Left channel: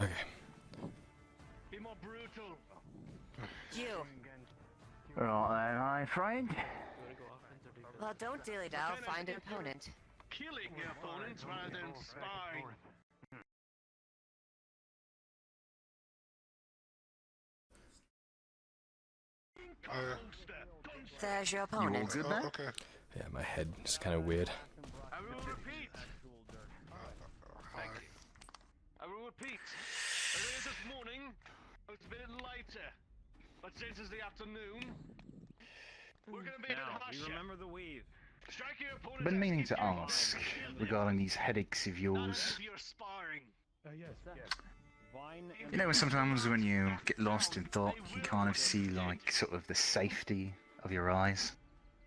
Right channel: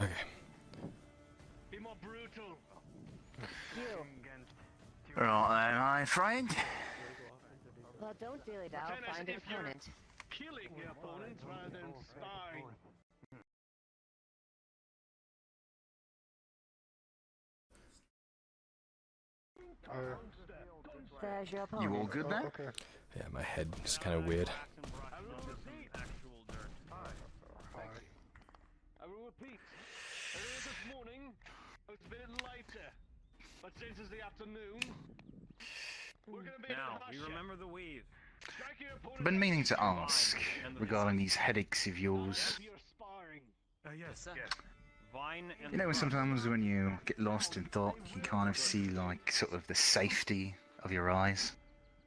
Okay. Be more brutal. Right, my friend. Well, don't dilly down. Find an opponent. Killing your opponents rather than spying. There's your opponent. You all good there? Okay. Yeah, my head is kind of weird. I will repeat. Earlier this morning, I was a bit lighter. But since it's the afternoon, we're gonna be Now, we remember the weave. I've been meaning to ask regarding these headaches of yours. Yes. Vine and You know, sometimes when you get lost in thought, you kind of see, like, sort of the safety of your eyes.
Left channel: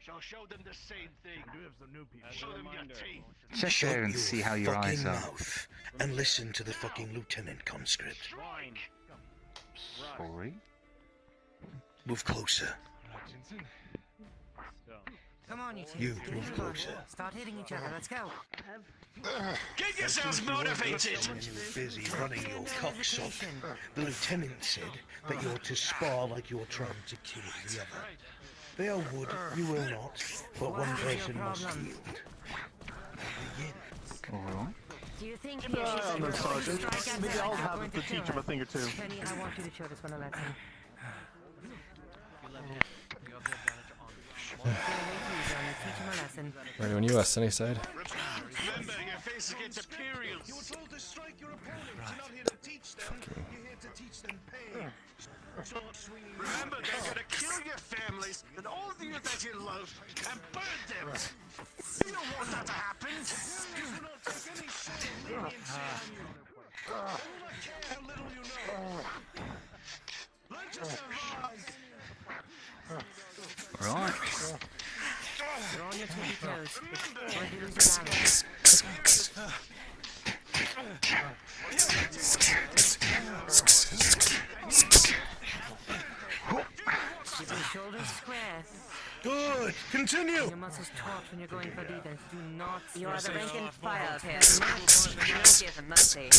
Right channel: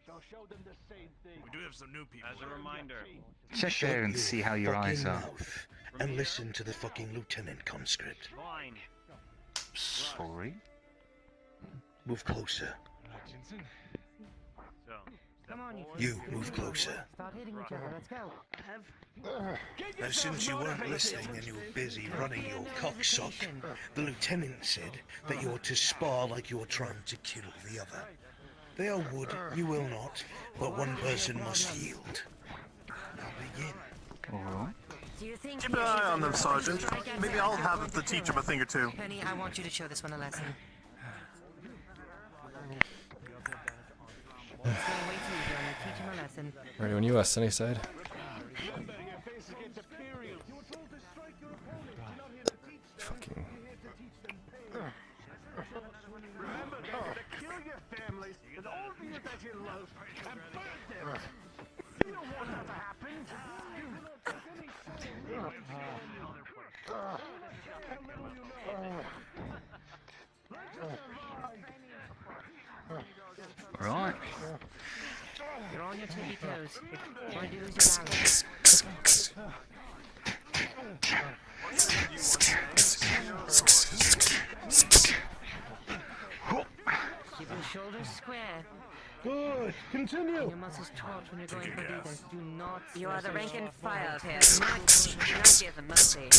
Shall show them the same thing. we do have some new people. As a reminder, Check there and see how your eyes are. Mouth and listen to the fucking lieutenant conscript. Vine. Sorry? Move closer. Come on, You move closer. Start hitting each other. Let's go. As soon as you weren't listening and you were busy running your cocksock, the lieutenant said that you're to spar like you're trying to kill the other. They are wood, you will not, but one person must yield. Now begin. Alright. Do you think On them, Sergeant. Maybe I'll have to teach him a thing or two. Penny, I want you to show this one a lesson. Teach him a lesson. Ready when you are, Sunnyside. Remember, your face against Imperials. Fucking. Remember, they're gonna kill your families and all the things that you love and burn them. You don't want that to happen. Alright. You're on your tippy toes. Going to lose your balance. Keep your shoulders square. Good. Continue. Your muscles taut when you're going for defense. Do not. You are the rank and file of here. Do not give them mercy.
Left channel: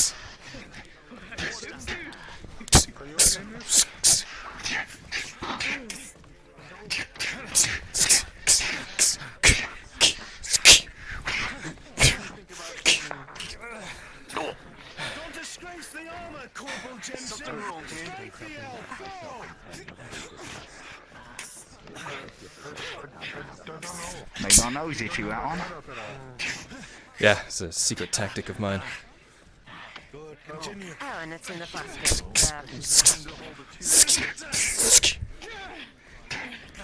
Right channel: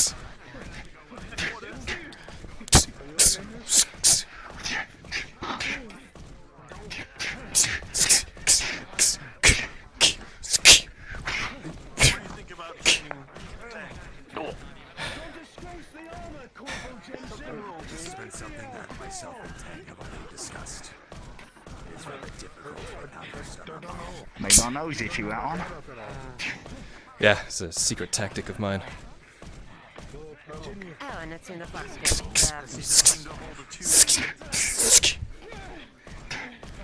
Made my nose itchy, that one. Yeah, it's a secret tactic of mine. Oh, and it's in the basket.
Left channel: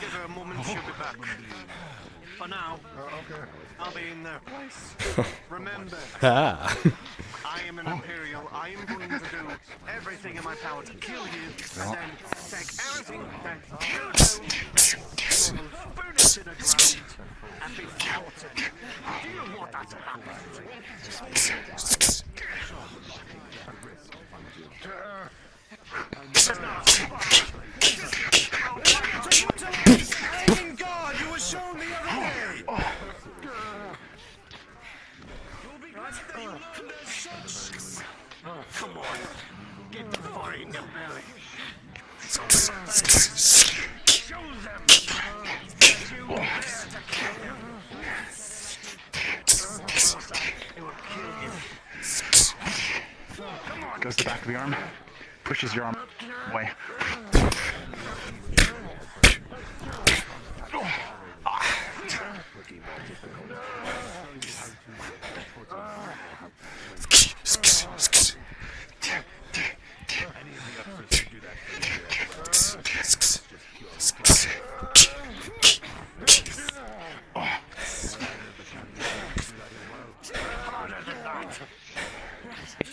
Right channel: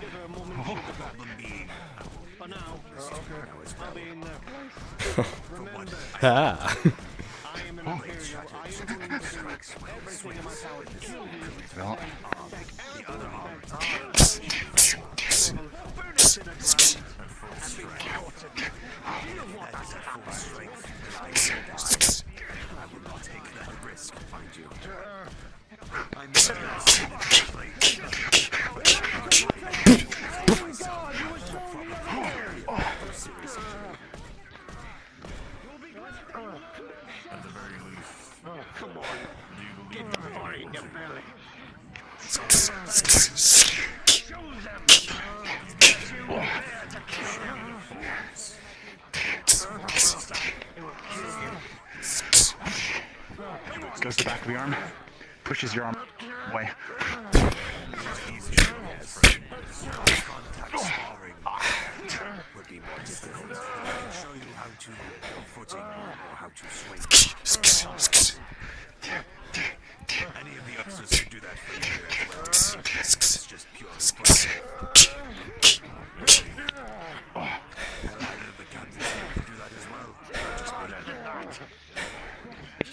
Give her a moment to think about it. For now, I'll be in there. Remember, Ah! I am an Imperial. I am going to do everything in my power to kill you. Right. Take everything that you burn it to the ground and be forgotten. You want that to happen. Come on, get the fire in your belly. Show them that you dare to kill them. It will kill you. Goes to the back of the arm. Pushes your arm away.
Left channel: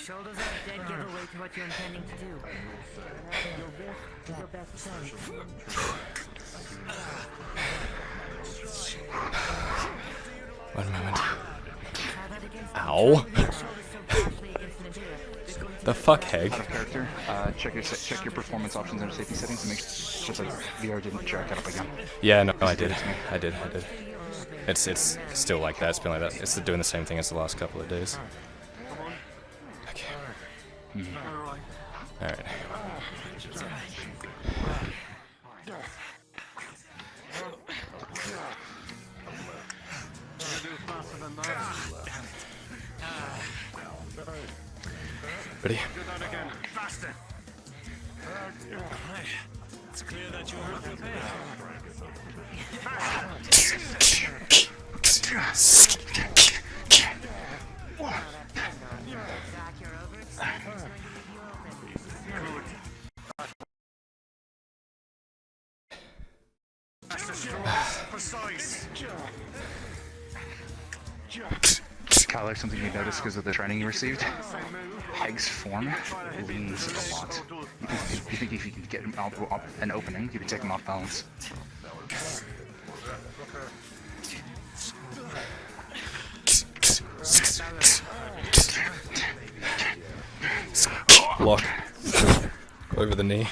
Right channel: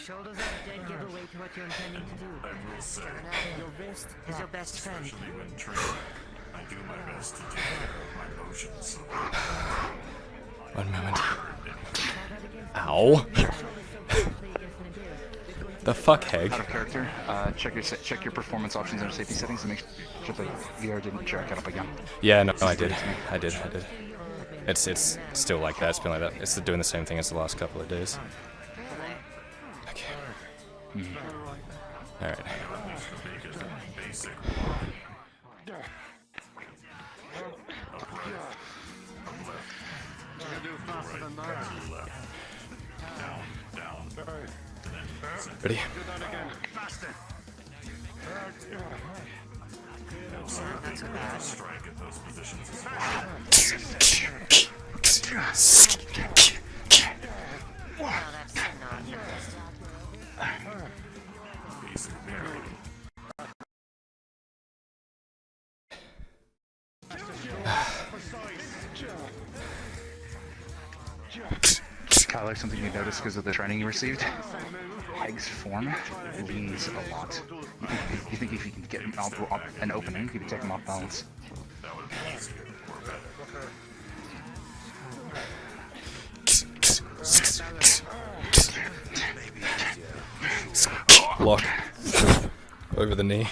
Shoulders up, dead giveaway to what you're intending to do. Your wrist is your best friend. One moment. Ow! The fuck, Heg? Out of character. Check your performance options and safety settings and make sure the VR didn't jack it up again. Yeah, no, I did. It's still like that. It's been like that. It's doing the same thing as the last couple of days. Okay. Alright. Ready? Kyler, something you noticed because of the training you received? Heg's form leans a lot. You think if you can get him out an opening, you can take him off balance. Lock. Over the knee.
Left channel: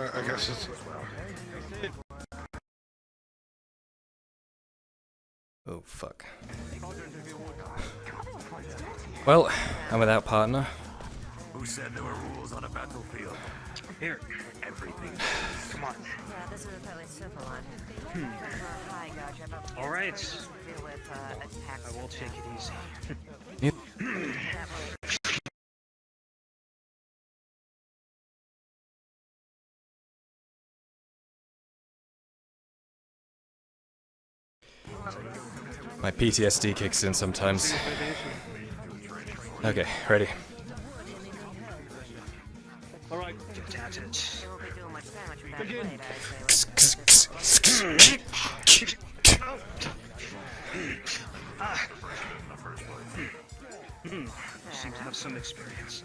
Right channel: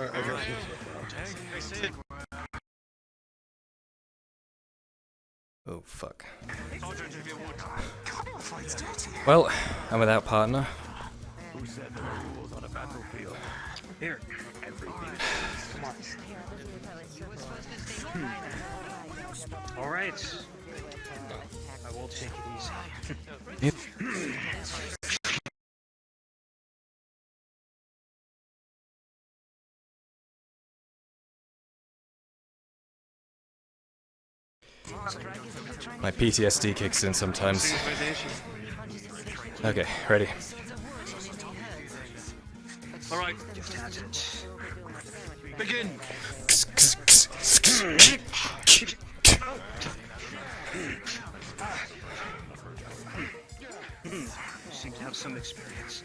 I guess it's... Oh, fuck. Well, I'm without partner. Who said there were rules on a battlefield? Here, everything. Come on. All right. I will take it easy. My PTSD kicks in sometimes. Okay, ready. All right, get at it. Begin. You seem to have some experience.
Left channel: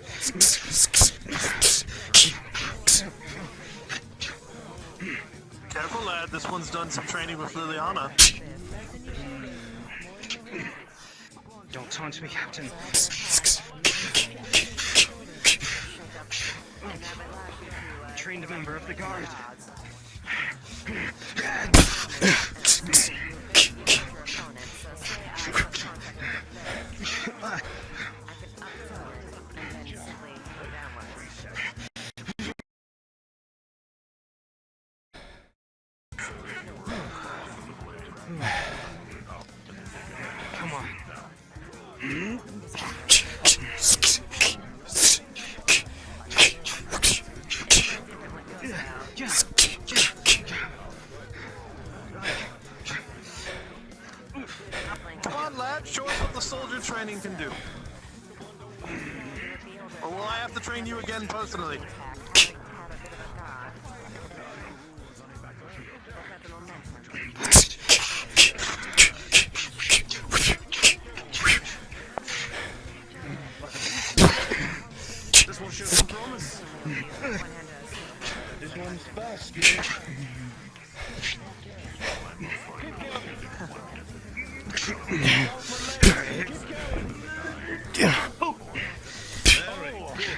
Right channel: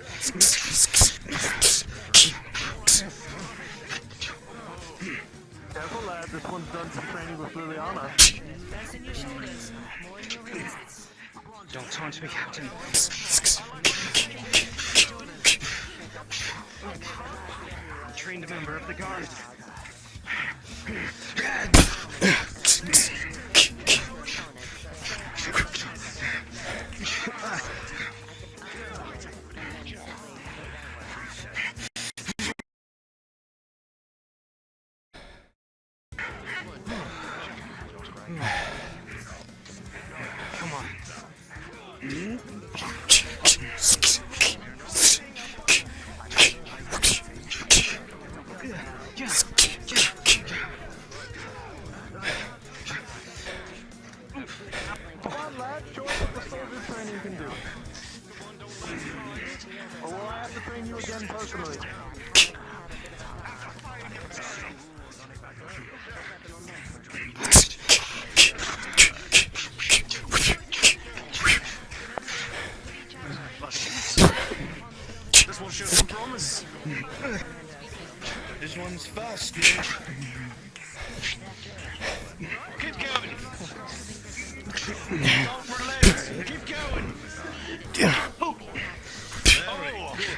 Careful, lad. This one's done some training with Liliana. Don't taunt me, Captain. A trained member of the guard. Come on. Come on, lad. Show us what the soldier training can do. Or will I have to train you again personally? This one shows some promise. This one's fast. Keep going. Keep going. Oh. Very good.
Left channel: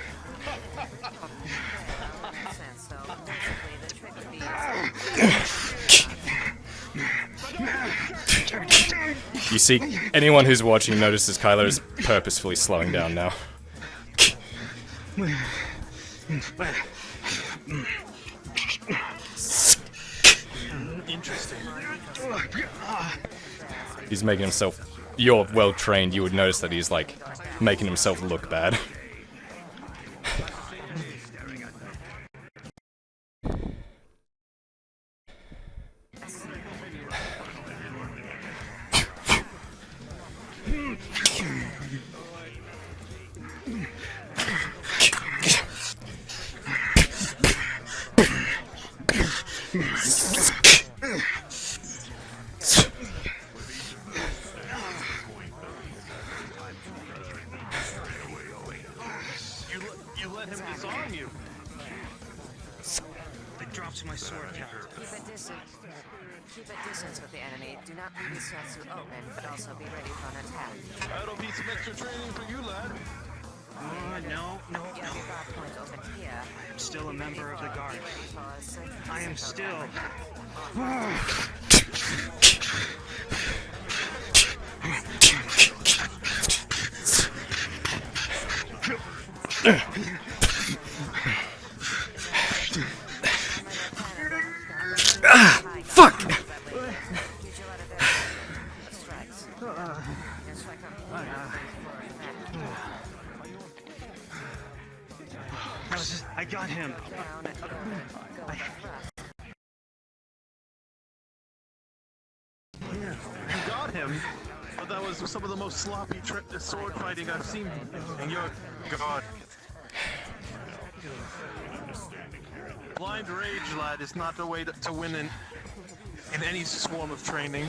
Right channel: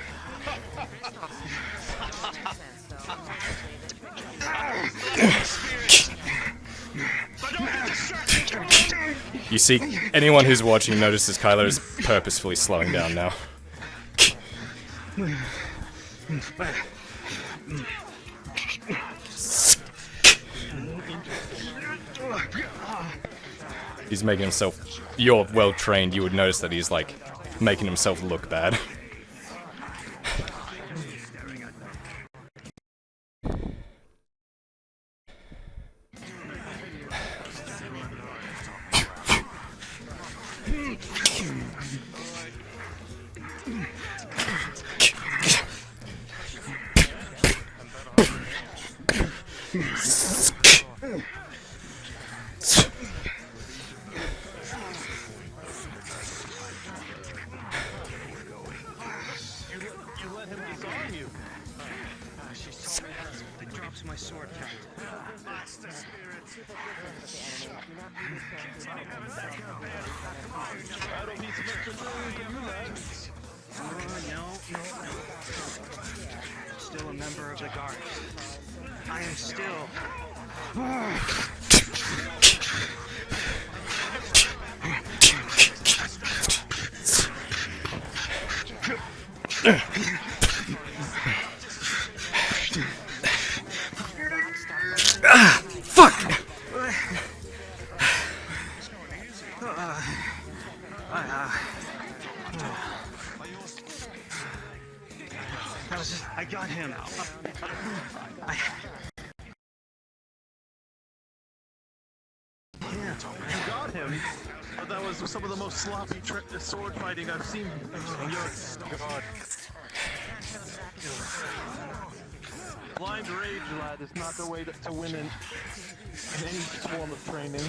You see, anyone who's watching notices Kyler is purposefully slowing down now. He's making himself... You're well trained, you would notice that he's like making himself look bad. drops my sword count. That'll be some extra training for you, lad. No. I'm still a member of the guard. I am still. Fuck! I got him. You got him? But that was some of the most sloppy sword fighting I've seen. And you're God. Blind rage, lad, is not the way to win in any form of training.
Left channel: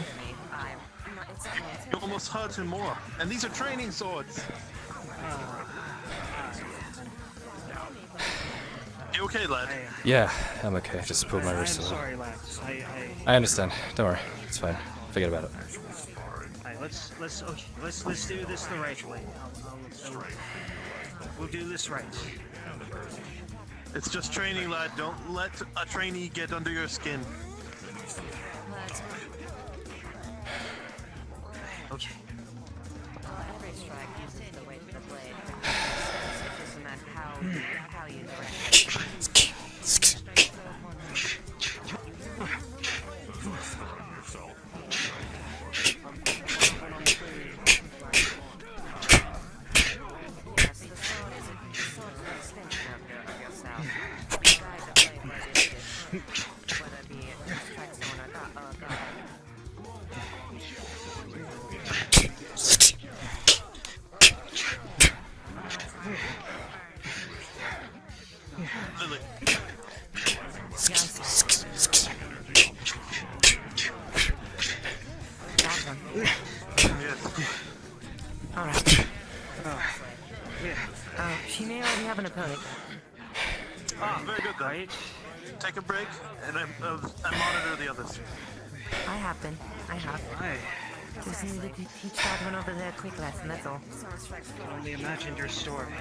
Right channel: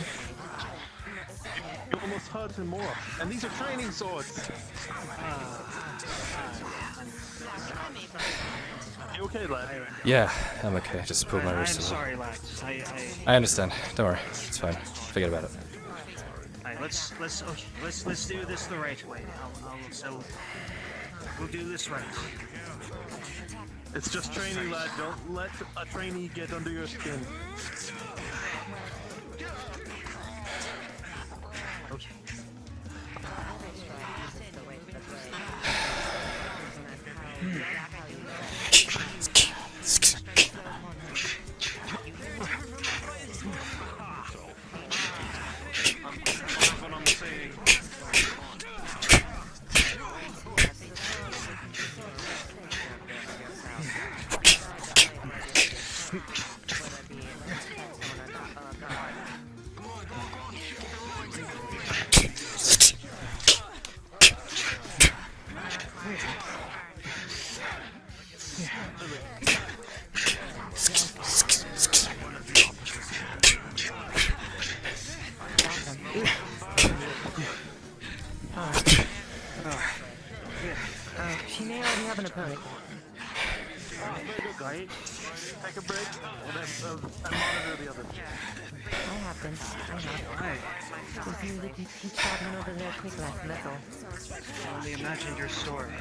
You almost hurt him more. And these are training swords. You okay, lad? Yeah, I'm okay. Just pulled my wrist a little. Sorry, lads. I understand. Don't worry. It's fine. Forget about it. Alright, let's do this the right way. We'll do this right. It's just training, lad. Don't let a trainee get under your skin. Okay. Now we have an opponent. Very good, then. Take a break, and monitor the others. I have been. I have. Just need to teach that one over there a quick lesson, that's all. I only imagined your story.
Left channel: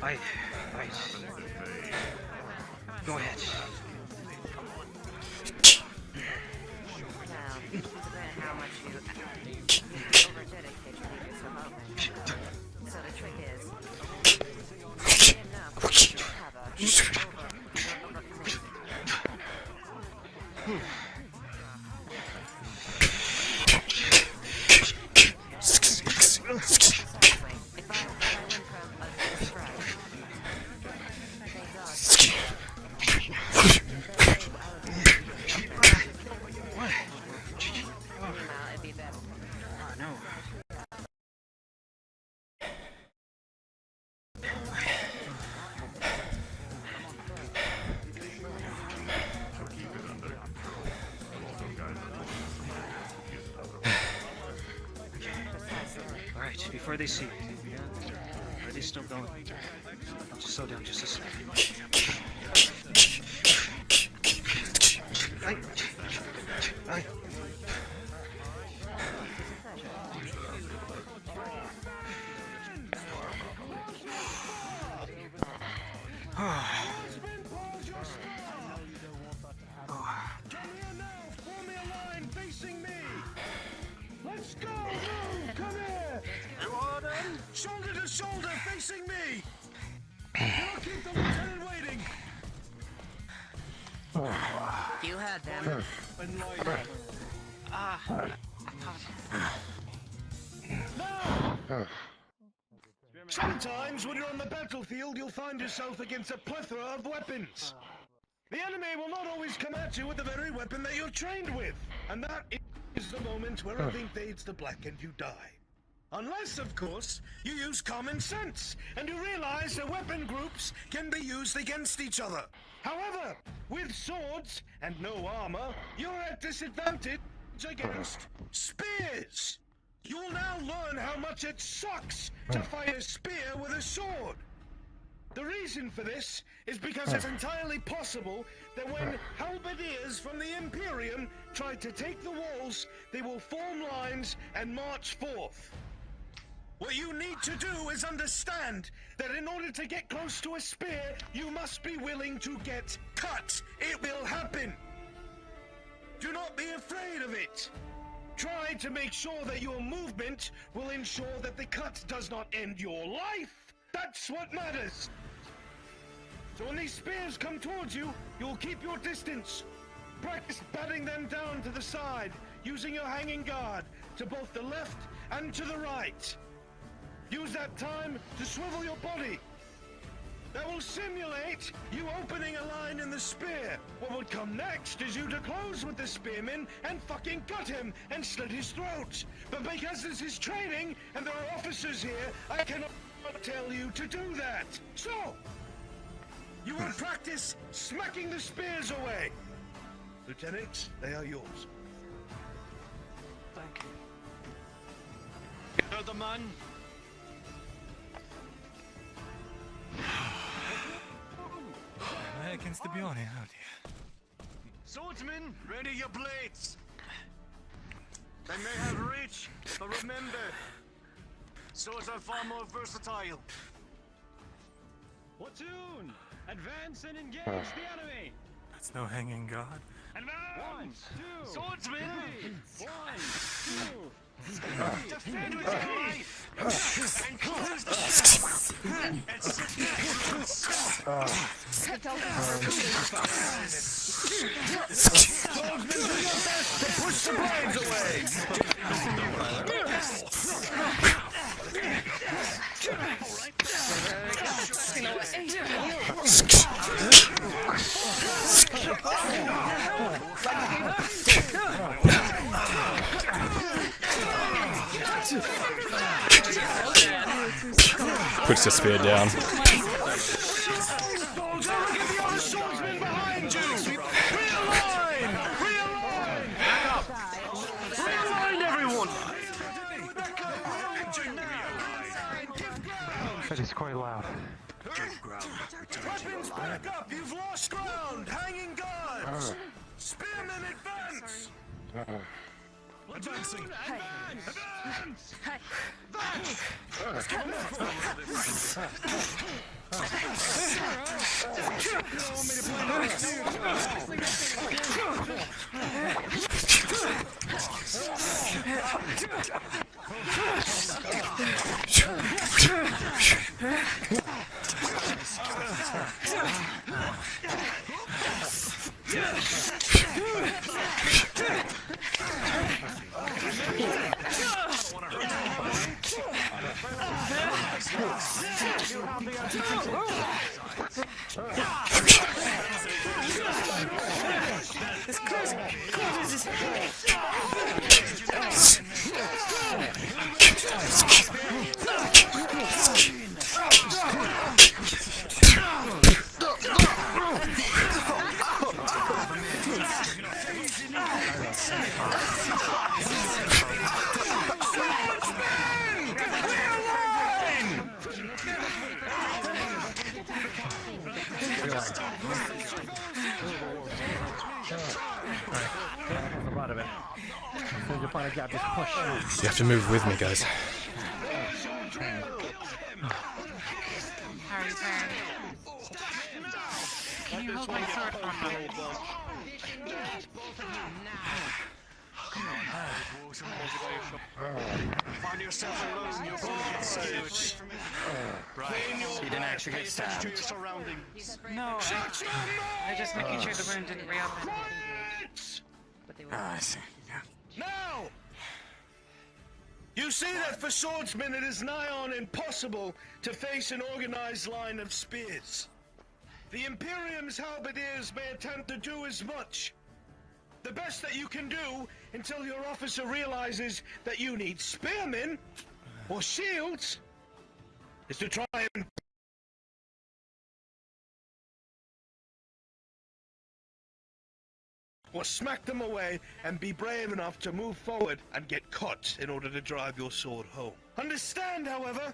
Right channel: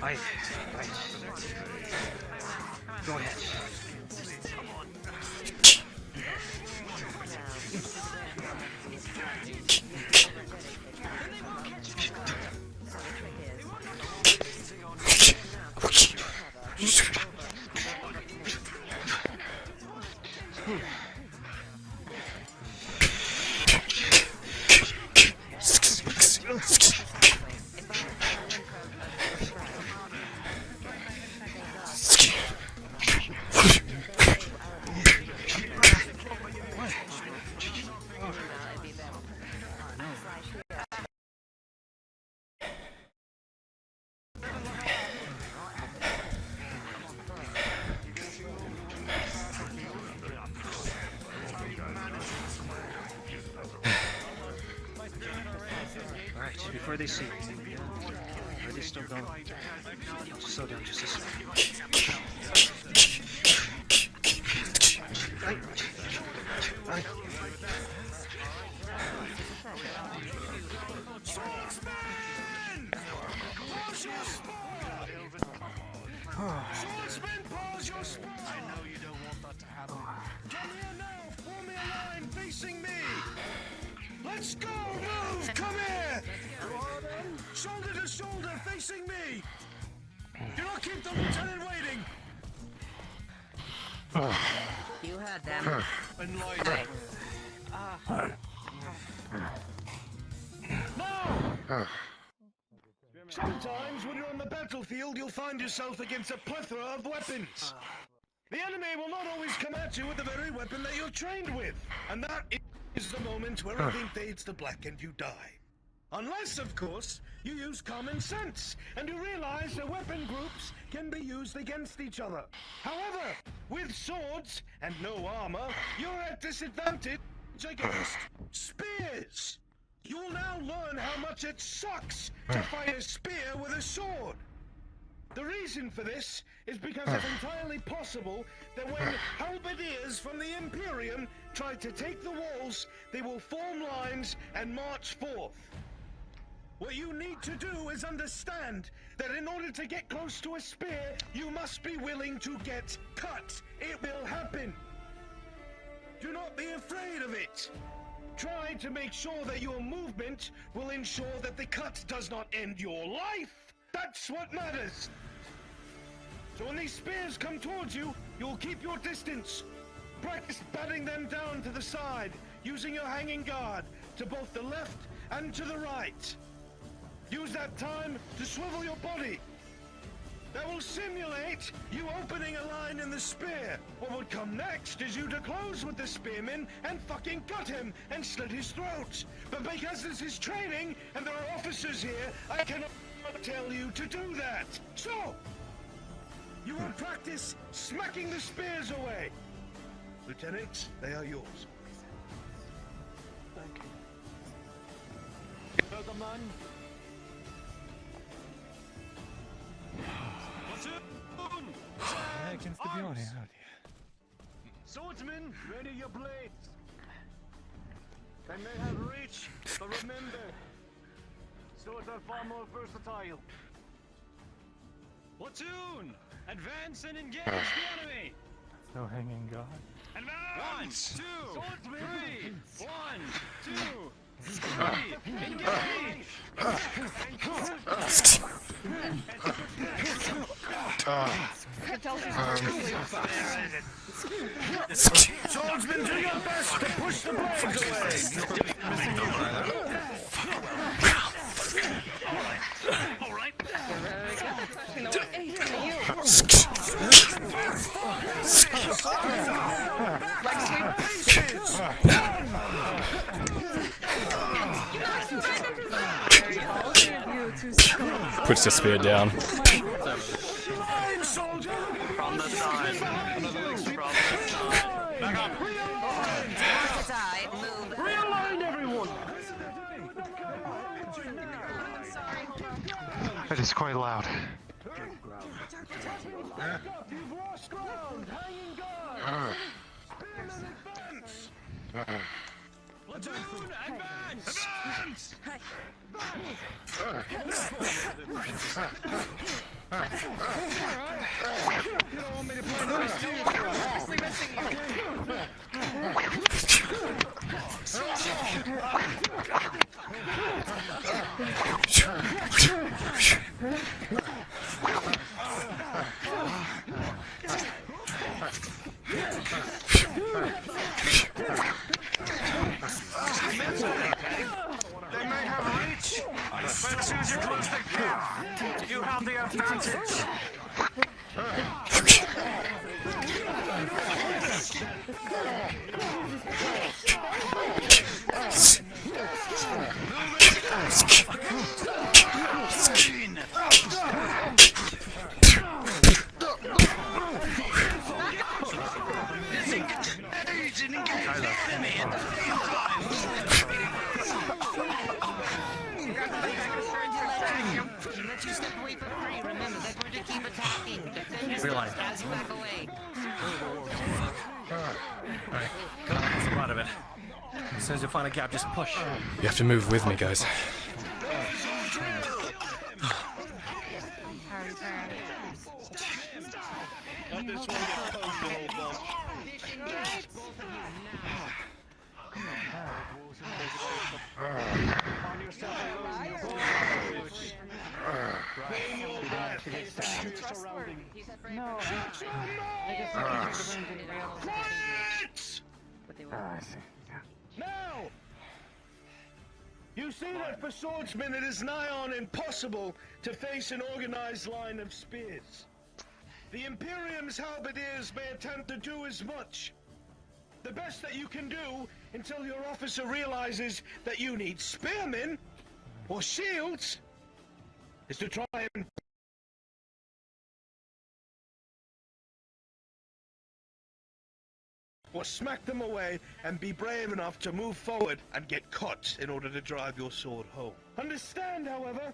Right. Go ahead. Before they see me, yeah? Are they still going? I'll just slow down just a second. Right. Shoulder to shoulder, facing me! We'll keep the lieutenant waiting! You had them. No! Sometimes when you're on the battlefield, you'll find yourself against a plethora of weapons. The enemy will not always come at you with the very weapon that you're trained with. And that is the moment where everything fades to black and you die. Unless, of course, you use common sense and you realize that weapon groups can be used against each other. However, with swords and no armor, you're at disadvantage against spears. You will now learn how much it sucks to fight a spear with a sword. The reason for this is because it's entirely possible that when halberdiers from the Imperium try to take the walls, they will form lines and march forth. What you need to do is understand that in order to get close to a spear, you must be willing to get cut. It will happen. Do not be afraid of it. Try to make sure that your movement will ensure that the cut does not end your life. That's what matters. So when these spears come towards you, you'll keep your distance. Practice batting them down to the side, using your hanging guard to both the left and to the right. Use that time to swivel your body. That will simulate you opening a line in the spear. What would come next is you to close with the spearman and fucking gut him and slit his throat. But because this is training and there are officers here, I cannot tell you to do that. So, you will practice smacking the spears away. Lieutenants, they are yours. You're the man. Against the Bjorn, oh dear. Swordsman, ready your blades. They may have reach, but remember, swords are far more versatile. Platoon, advance and engage the enemy. That's no hanging guard. Advance! 1, 2, swordsman! 1, 2, Swordsman, do your best to push the blades away. Missing you, Kyler. Puts the spear down. That is quite loud. Back up, you've lost ground. Hanging guards. Spearmen advance. platoon, advance! You don't want me to play nice, do You have the advantage. As soon as you find a gap, just push. You have to move with me, guys. Let this one get poked a whole bunch. He didn't actually get stabbed. No, they're just making sure the room didn't realize but they were. Now! You see that for swordsmen it is nigh on impossible to face an organized line of spears. The Imperium's halberdiers may attempt to do as much. The best that you can do until your officer realizes that you need spearmen or shields is to try and or smack them away and be brave enough to move forward and get caught in order to drive your sword home. Understand, however,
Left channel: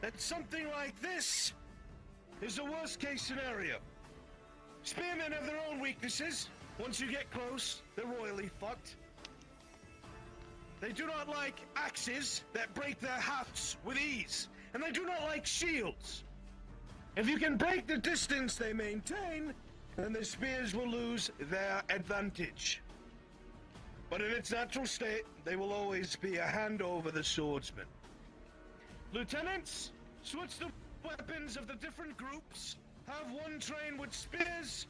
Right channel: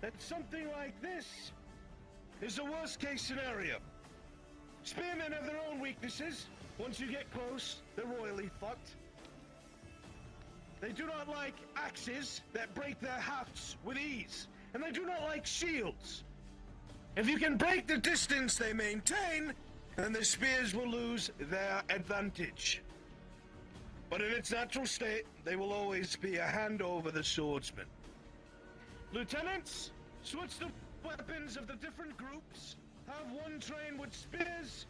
that something like this is the worst case scenario. Spearmen have their own weaknesses. Once you get close, they're royally fucked. They do not like axes that break their hafts with ease, and they do not like shields. If you can break the distance they maintain, then the spears will lose their advantage. But in its natural state, they will always be a hand over the swordsman. Lieutenants, switch the weapons of the different groups. Have one train with spears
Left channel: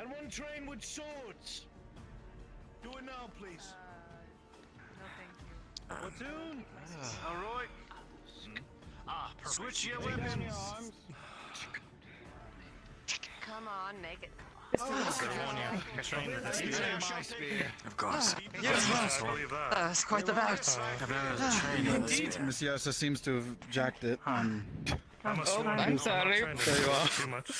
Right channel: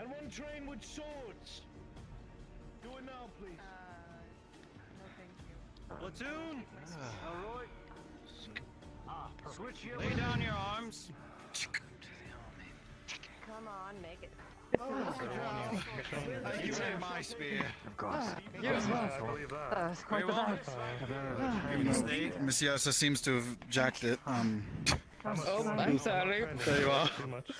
and one train with swords. Do it now, please. No thank you. Platoon. Alright. Switch your Lay weapons. down your arms. Come on, make it. Thank you and my spear. Of course. That's quite the bout. Messiasa seems to have jacked it. Oh, I'm sorry. There you are. Too much.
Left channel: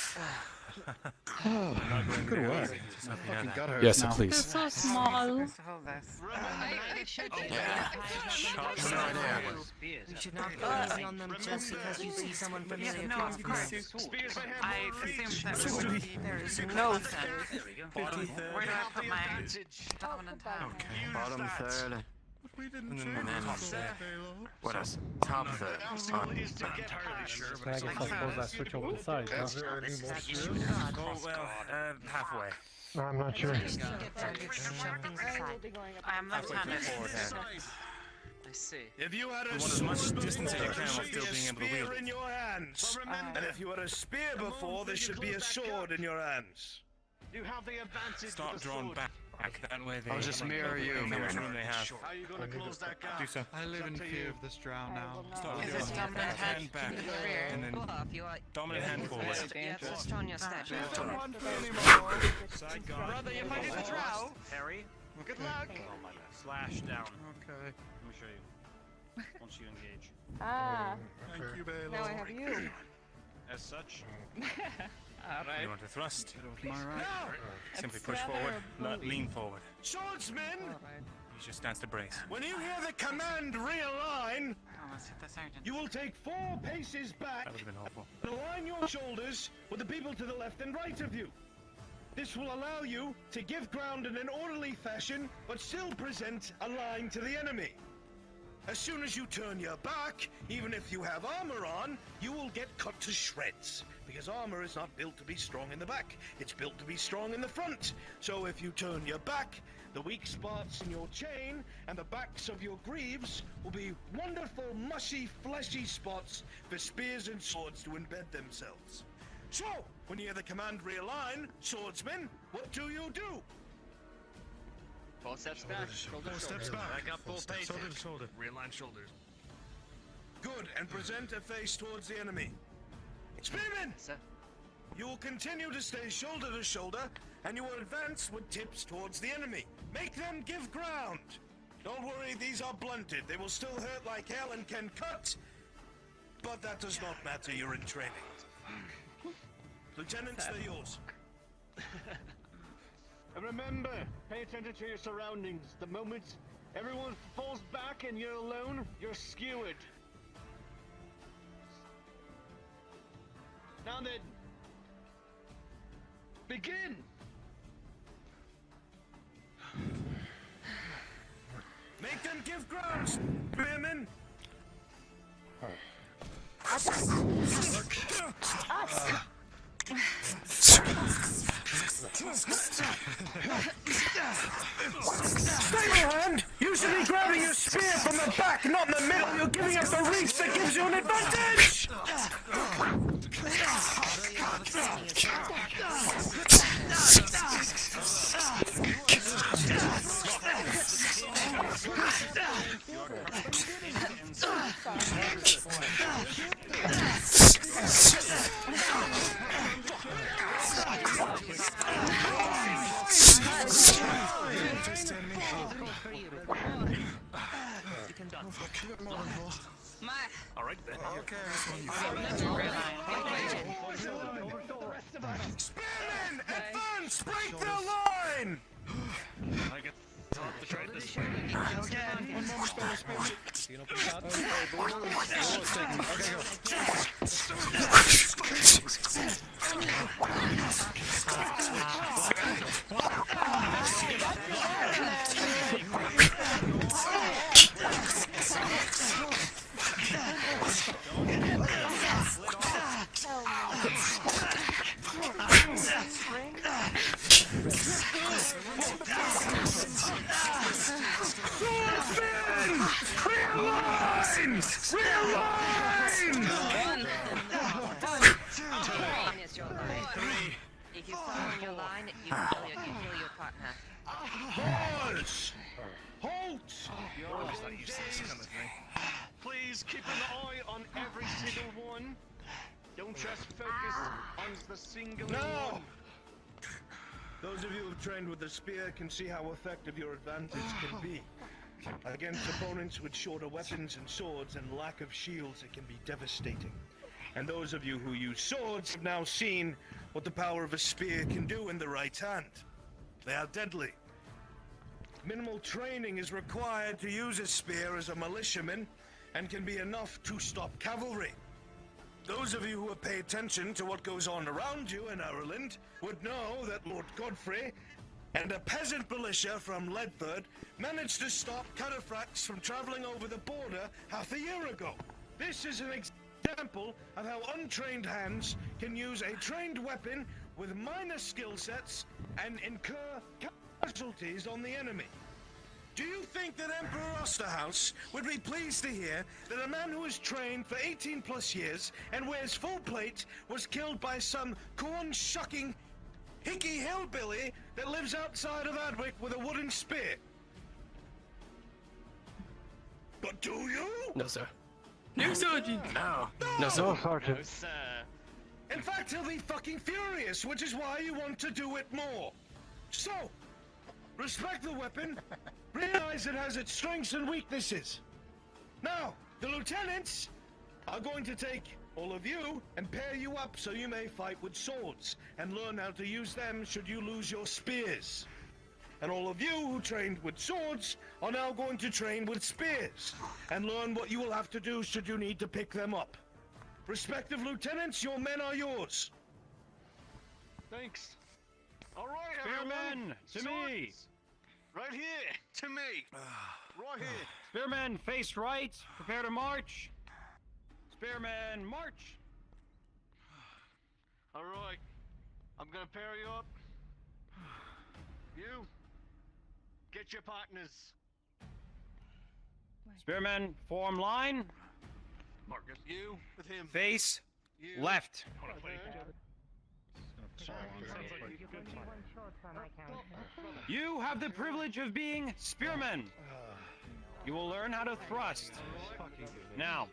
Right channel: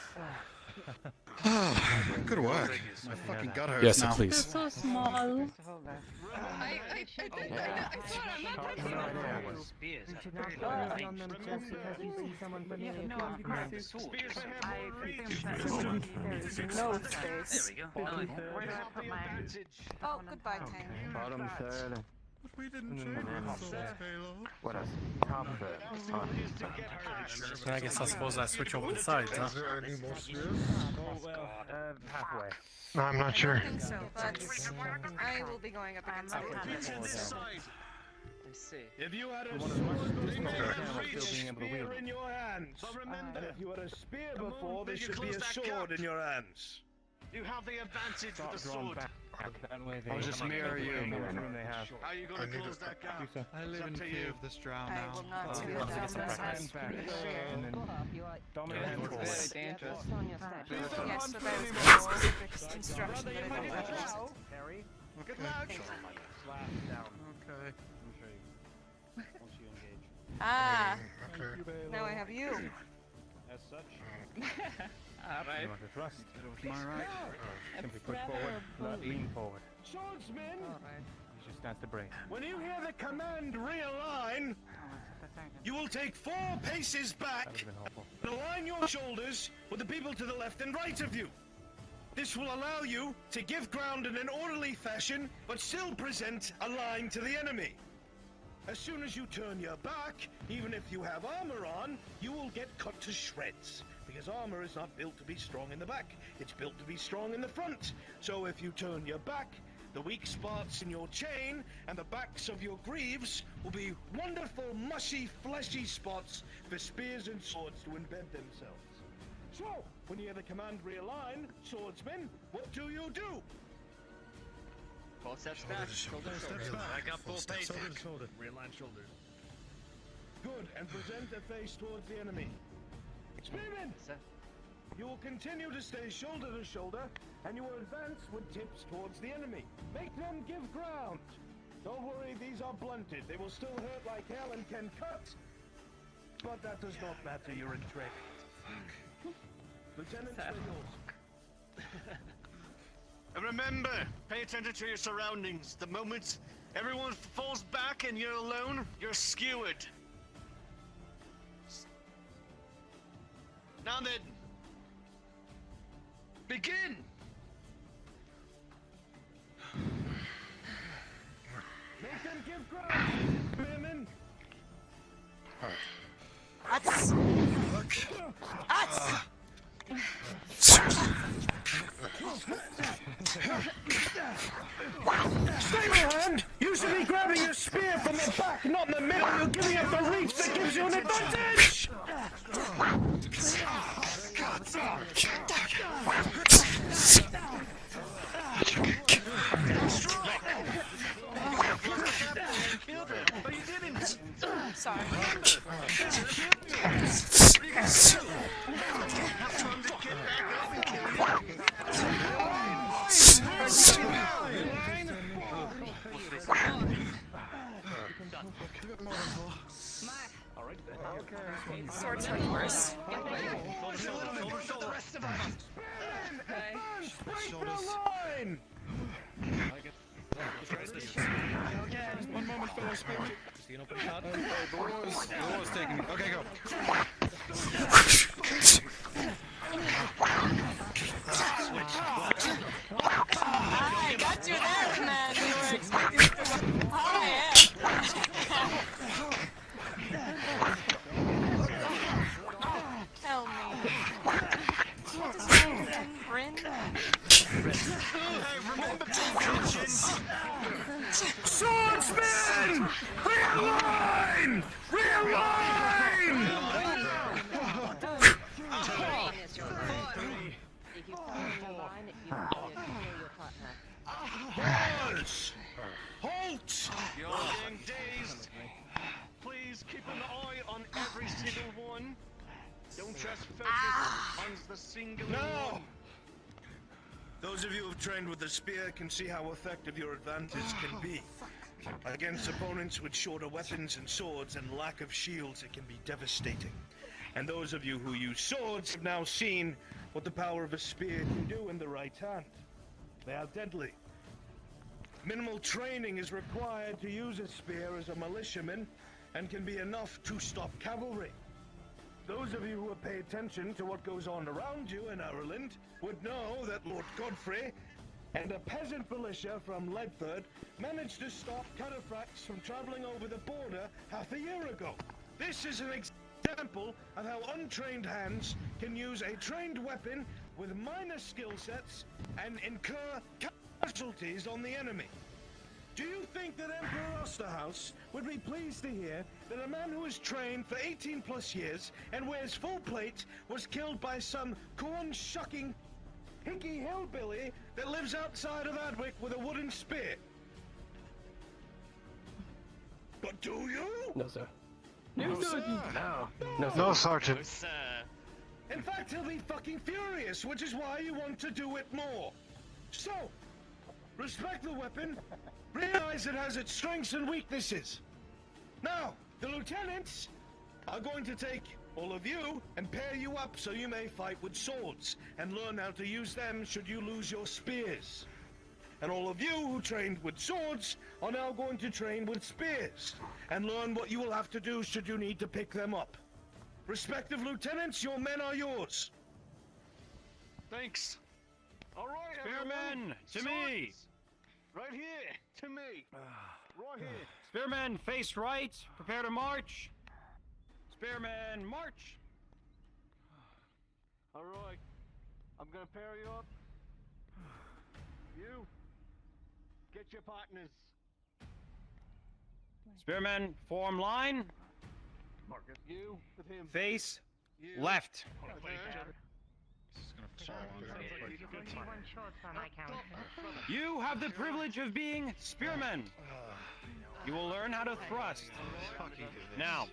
Good work. My fucking gut hurts Yes, now. please. So small. I should do that. Spears. You should not focus on them just because you see someone familiar come across. I think that there is No Where space. do I put my Oh, goodbye, man. Bottom third. We didn't say this. What else? Top third. I guess I suppose I switch over the sides, huh? Oh, well, halfway. I'm not sure. I will be going up. I'm left-handed. I see. If you had a As much sword, distance there as you can, should be a still being able to wield spear it. in your hands. And if you had a spear before, there should be a close that sword gap. in your hands. You have the advantage Start with the drawing sword. back. That way they I'll just mirror you. How much room they have. How are you going to close that gap? Do so. I live in fear of this drow now. Dominant Hand back. And then dominant hand forward. Yes, strong your step. Harry. Slash down. Okay. Let me show you. Once you engage. Ah, Thank you, Baylor. now I have you. As such, Alright. you want to thrust. With my right. Simply push forward, not lean forward. Swordsmen, Alright. Use your stance to brace. when you hear the command realign, you will take 4 paces back That would have been helpful. and align your shoulders with the people to the left and right of you. This will allow you to give ground in an orderly fashion, but still present a line to the enemy. As soon as you turn your back, even if you have armor on, you will get cut to shreds. Because armor is not built to be strong in the back, it's built to be strong in the front. So if you turn your back, the weak spots in your chain and the backs of your greaves will be wonderful, mushy, fleshy spots for spears and swords to embed themselves. So, when you hear the command realign, swordsmen, what do you do? 4 steps back. Shoulder to shoulder. Back up 4 paces. Realign shoulders. Good, and present a face towards the enemy. Spearmen! Sir. You will continue to stay shoulder to shoulder, and you will advance with tips towards the enemy. Make them give ground. Don't worry, these are blunted. They will still hurt like hell and can cut. But that does not matter, you're in training. Lieutenants, they're yours. And remember, pay attention to your surroundings. The moment everyone falls back and you're alone, you're skewered. Now then, begin! Make them give ground, spearmen. Stay behind! You should be grabbing your spear from the back, not in the middle. You're giving up the reach that gives you an advantage! All right then. Advance! Break the line! One moment, fellow spearman. Okay, the war is taking me. Okay, go. Swordsman! Realign! Realign! If you follow your line, you follow your partner. Halt! Halt! Please keep an eye on every single one. Don't just focus on the single Now! one. Those of you who've trained with the spear can see how effective your advantage can be. Against opponents with shorter weapons and swords and lack of shields, it can be devastating. And those of you who use swords have now seen what the power of a spear can do in the right hand. They are deadly. Minimal training is required to use a spear as a militiaman and can be enough to stop cavalry. Those of you who have paid attention to what goes on around you in Ireland would know that Lord Godfrey and a peasant militia from Ledford managed to stop cataphracts from traveling over the border half a year ago. This is an example of how untrained hands can use a trained weapon with minor skill sets and incur casualties on the enemy. Do you think that Emperor Osterhaus would be pleased to hear that a man who has trained for 18 plus years and wears full plate was killed by some corn-shucking hickey hillbilly that lives outside of Adwick with a wooden spear? But do you? No, sir. No, Sergeant! No, Sergeant. In fact, he'll be fucking furious, which is why you want to do it more. So, respect the weapon, realize it has its strengths and weaknesses. Now, the lieutenants are going to take all of you and pair you up so you may fight with swords and learn how to use them should you lose your spears. And all of you who trained with swords are now going to train with spears and learn what you will have to do should you need to pick them up. Respective lieutenants, your men are yours. Thanks. All right, Spearmen, to me. Right here, to me. Right here. Spearmen, face right. Prepare to march. Spearmen, march. All right. I'm gonna pair you up. You. Get your partners. Spearmen, form line. Marcus, you with him. Face You. left. You have the privilege of being spearmen. You will learn how to thrust. Now,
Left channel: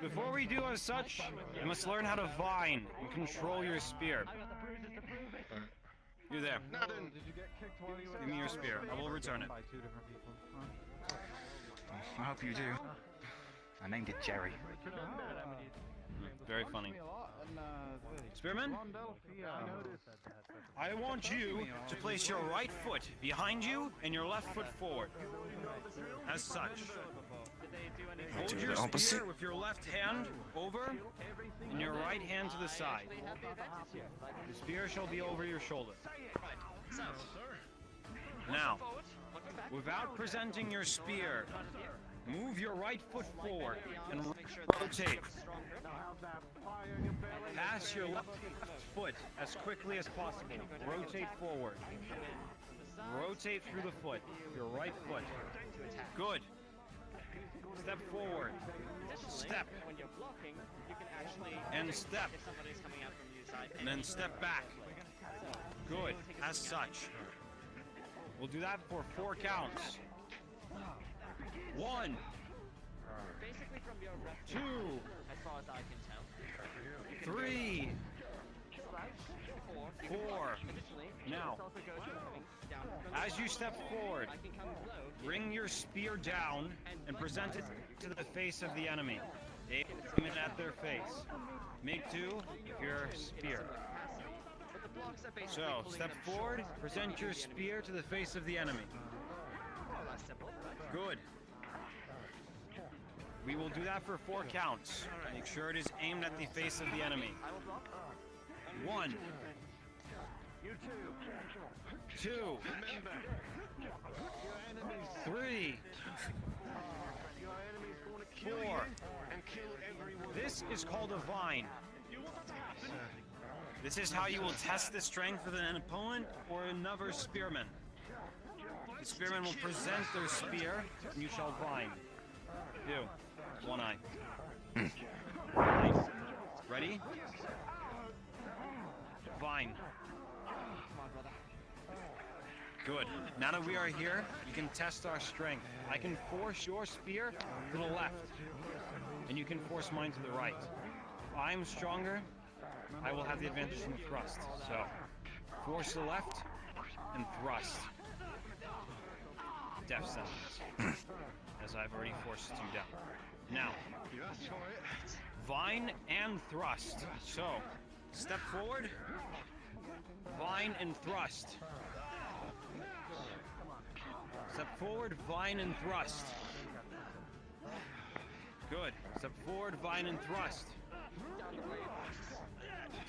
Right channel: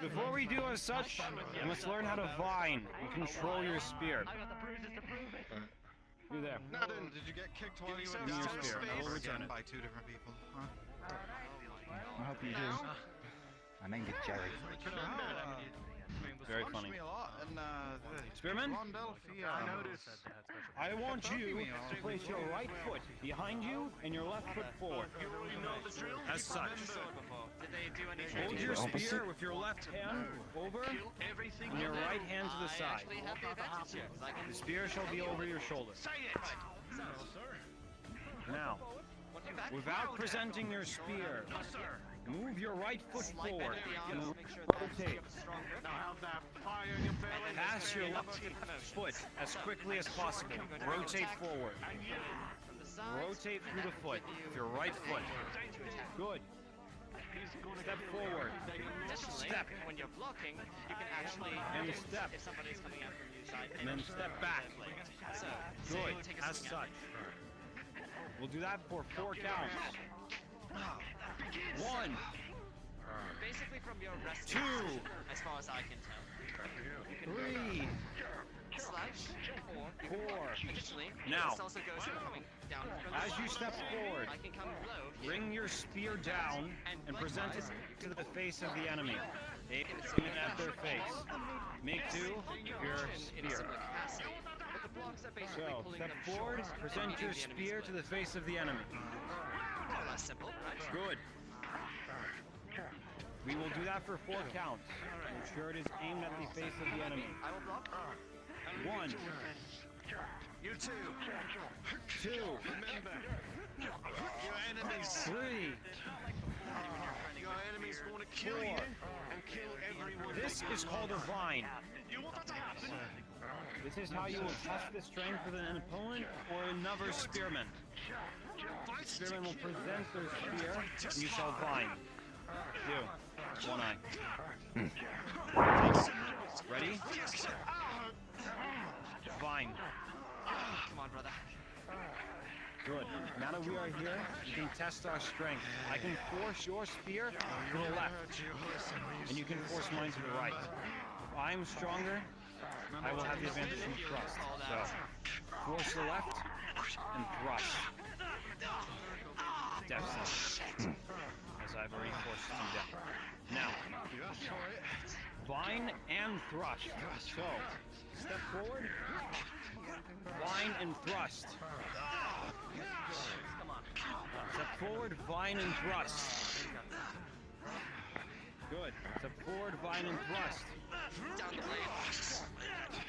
before we do as such, you must learn how to vine and control your spear. You there. Nothing. Did you get kicked while you Give me your spear. I will return it. By two different people. I hope you do. I named it Jerry. Very funny. Spearmen, I want you to place your right foot behind you and your left foot forward. As such. Hold your spear with your left hand over and your right hand to the side. The spear shall be over your shoulder. Now, without presenting your spear, move your right foot forward and rotate. Pass your left foot as quickly as possible. Rotate forward. Rotate through the foot with your right foot. Good. Step forward. Step. And step. And then step back. Good. As such. We'll do that for 4 counts. 1, 2, 3. 4. Now, as you step forward, bring your spear down and present it to the face of the enemy. Aim it at their face. Make 2 your spear. So, step forward, present your spear to the face of the enemy. Good. We will do that for 4 counts. Make sure it is aimed at the face of the enemy. 1. You two. 2. Remember, your enemies. 3. Your enemies want to kill 4. you and kill everyone. This is called a vine. This is how you will test the strength of an opponent or another spearman. The spearman will present their spear, and you shall vine. Do. 1 eye. Nice. Ready? Vine. Good. Now that we are here, you can test our strength. I can force your spear to the left, and you can force mine to the right. If I'm stronger, I will have the advantage in the thrust. So, force the left and thrust. Death sentence. As I've already forced you down. Now, vine and thrust. So, step forward, vine and thrust. Step forward, vine and thrust. Good. Step forward, vine and thrust.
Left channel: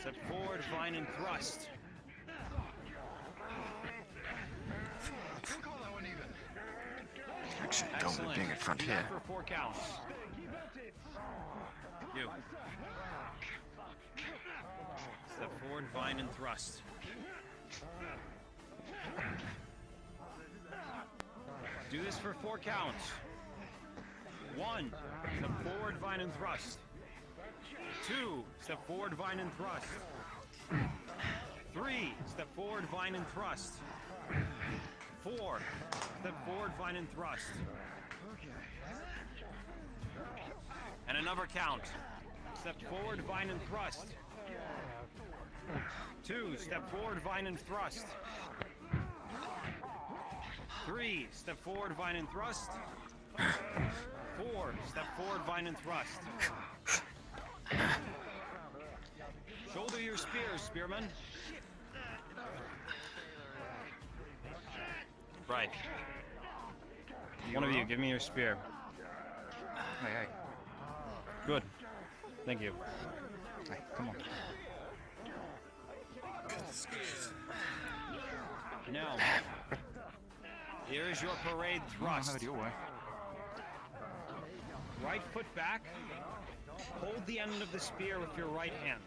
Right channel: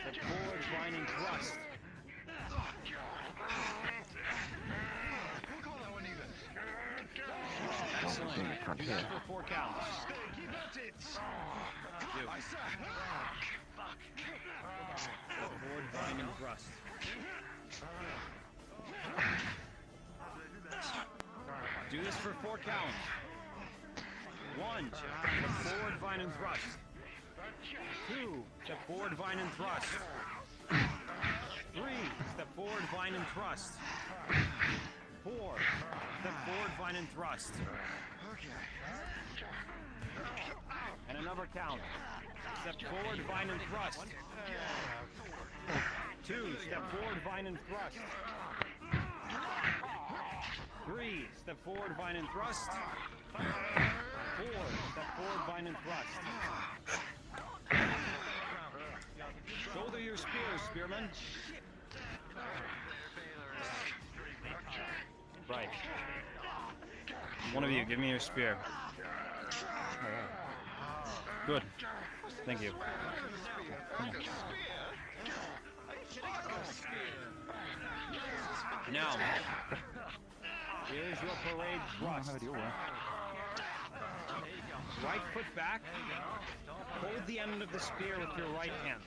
Step forward, vine and thrust. Excellent. Do that for 4 counts. Do. Step forward, vine and thrust. Do this for 4 counts. 1. Step forward, vine and thrust. 2. Step forward, vine and thrust. 3. Step forward, vine and thrust. 4. Step forward, vine and thrust. And another count. Step forward, vine and thrust. 2. Step forward, vine and thrust. 3. Step forward, vine and thrust. 4. Step forward, vine and thrust. Shoulder your spears, spearman. Right. One of you, give me your spear. Good. Thank you. Come on. Now, here is your parade thrust. Right foot back. Hold the end of the spear with your right hand.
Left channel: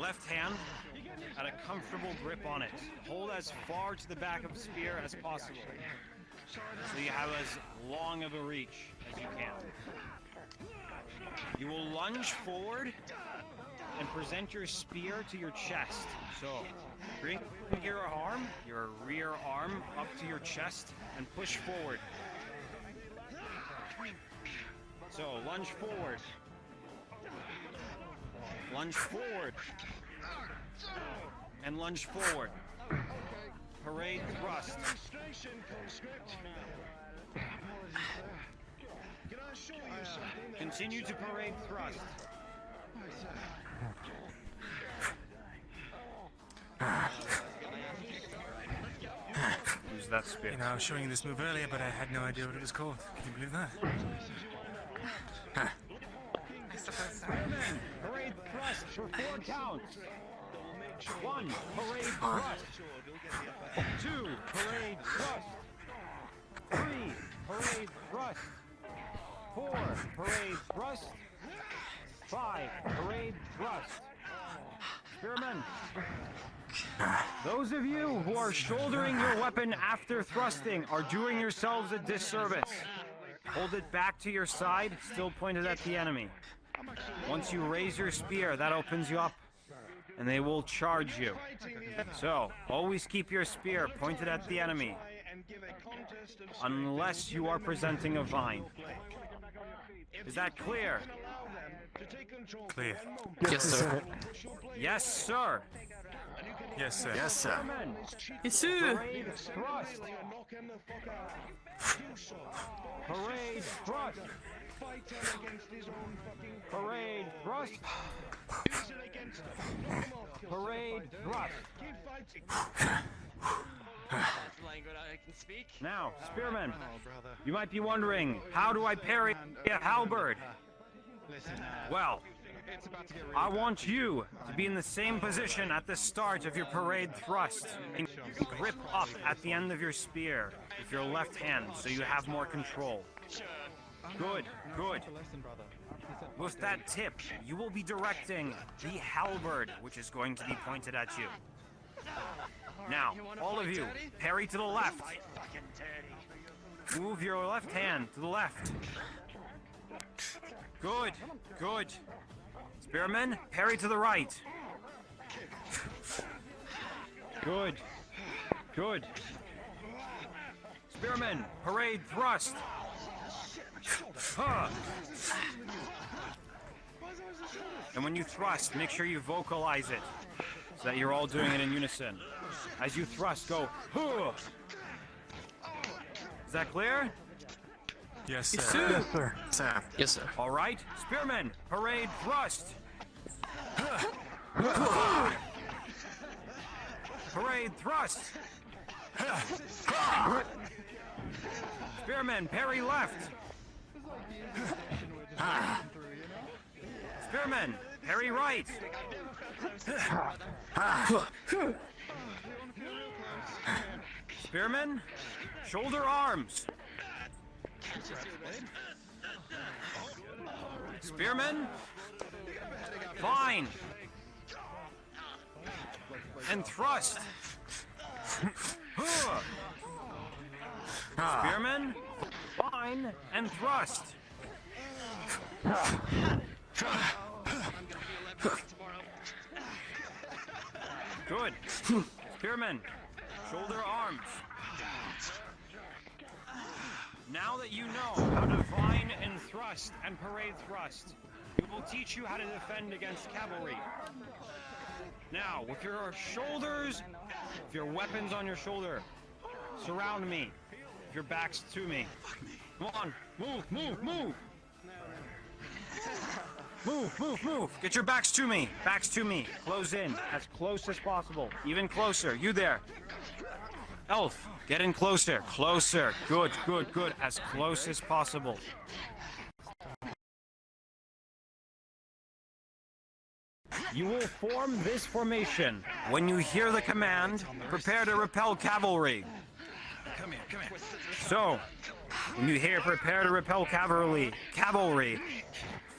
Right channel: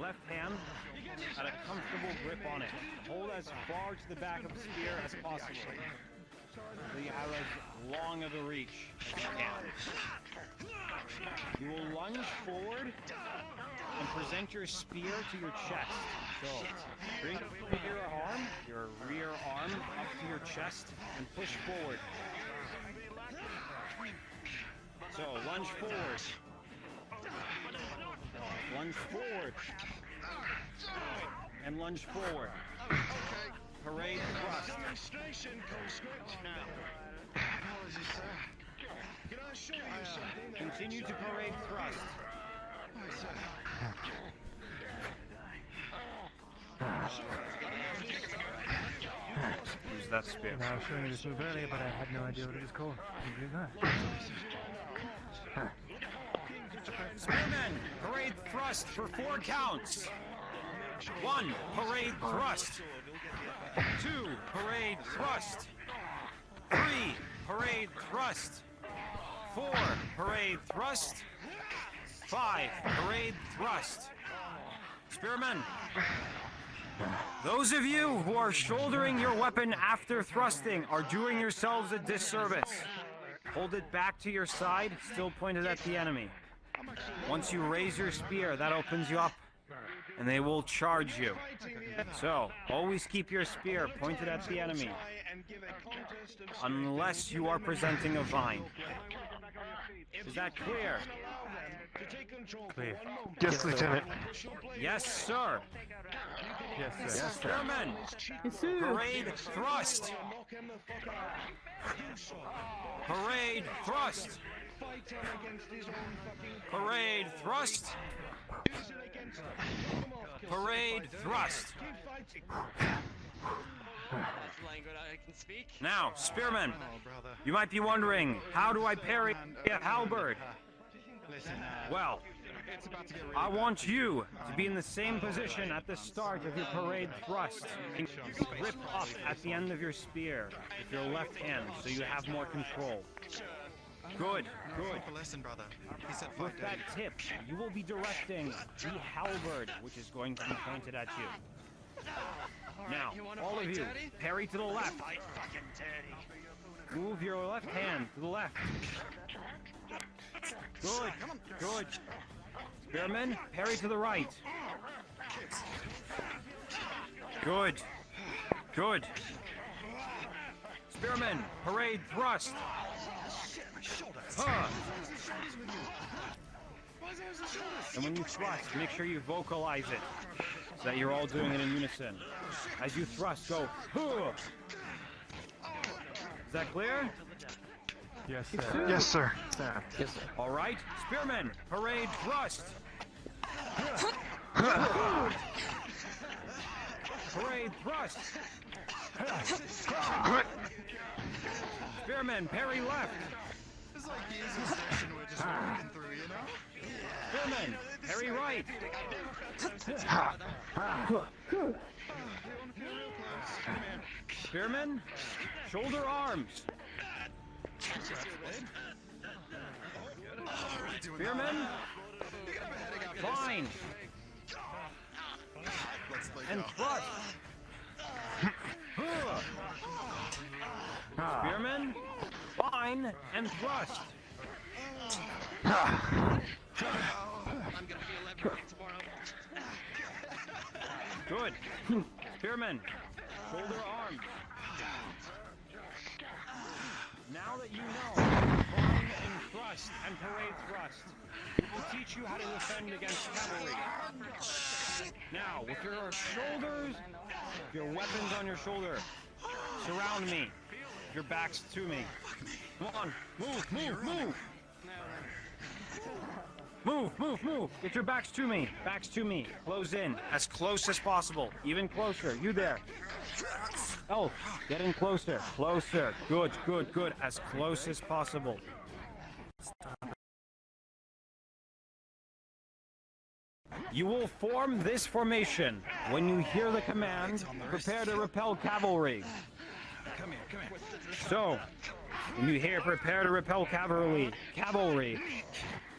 Left hand at a comfortable grip on it. Hold as far to the back of the spear as possible, so you have as long of a reach as you can. You will lunge forward and present your spear to your chest. So, bring your arm, your rear arm, up to your chest and push forward. So, lunge forward. Lunge forward. And lunge forward. Parade thrust. Continue to parade thrust. Use that spear. You know, I was showing you this move earlier, but I had no idea what it was called. Can you believe that? Parade thrust for 4 counts. 1. Parade thrust. 2. Parade thrust. 3. Parade thrust. 4. Parade thrust. 5. Parade thrust. Spearmen. Those of you who are shouldering your weapon after thrusting are doing yourselves a disservice. Hold it back to your side, still pointed at the enemy. Once you raise your spear, that opens you up, and they will charge you. So, always keep your spear pointed at the enemy, unless you are presenting a vine. Is that clear? Clear. Yes, Lieutenant. Yes, sir. Yes, sir. Yes, sir. Spearmen, Yes, sir. parade thrust. Parade thrust. Parade thrust. Parade thrust. That's language I can speak. Now, spearmen, you might be wondering, how do I parry a halberd? Well, I want you to be in the same position at the start of your parade thrust. And grip up at the end of your spear with your left hand so you have more control. Good, good. With that tip, you will be directing the halberd, which is going to be pointed at you. Now, all of you, parry to the left. Move your left hand to the left. Good, good. Spearmen, parry to the right. Good, good. Spearmen, parade thrust. Huh. And when you thrust, make sure you vocalize it, so that you're all doing it in unison. As you thrust, go, huh. Is that clear? Yes, sir. Yes, sir. Sir. Yes, sir. All right, spearmen, parade thrust. Parade thrust. Spearmen, parry left. Spearmen, parry right. Spearmen, shoulder arms. Spearmen, fine. And thrust. Spearmen, fine and thrust. Good. Spearmen, shoulder arms. Now that you know fine and thrust and parade thrust, it will teach you how to defend against cavalry. Now, with your shoulders, with your weapons on your shoulder, surround me. Your backs to me. Come on, move, move, move. Move, move, move. Get your backs to me. Backs to me. Close in. As close as possible. Even closer. You there. Elf, get in closer. Closer. Good, good, good. As close as possible. You will form this formation. When you hear the command, prepare to repel cavalry. So, when you hear prepare to repel cavalry,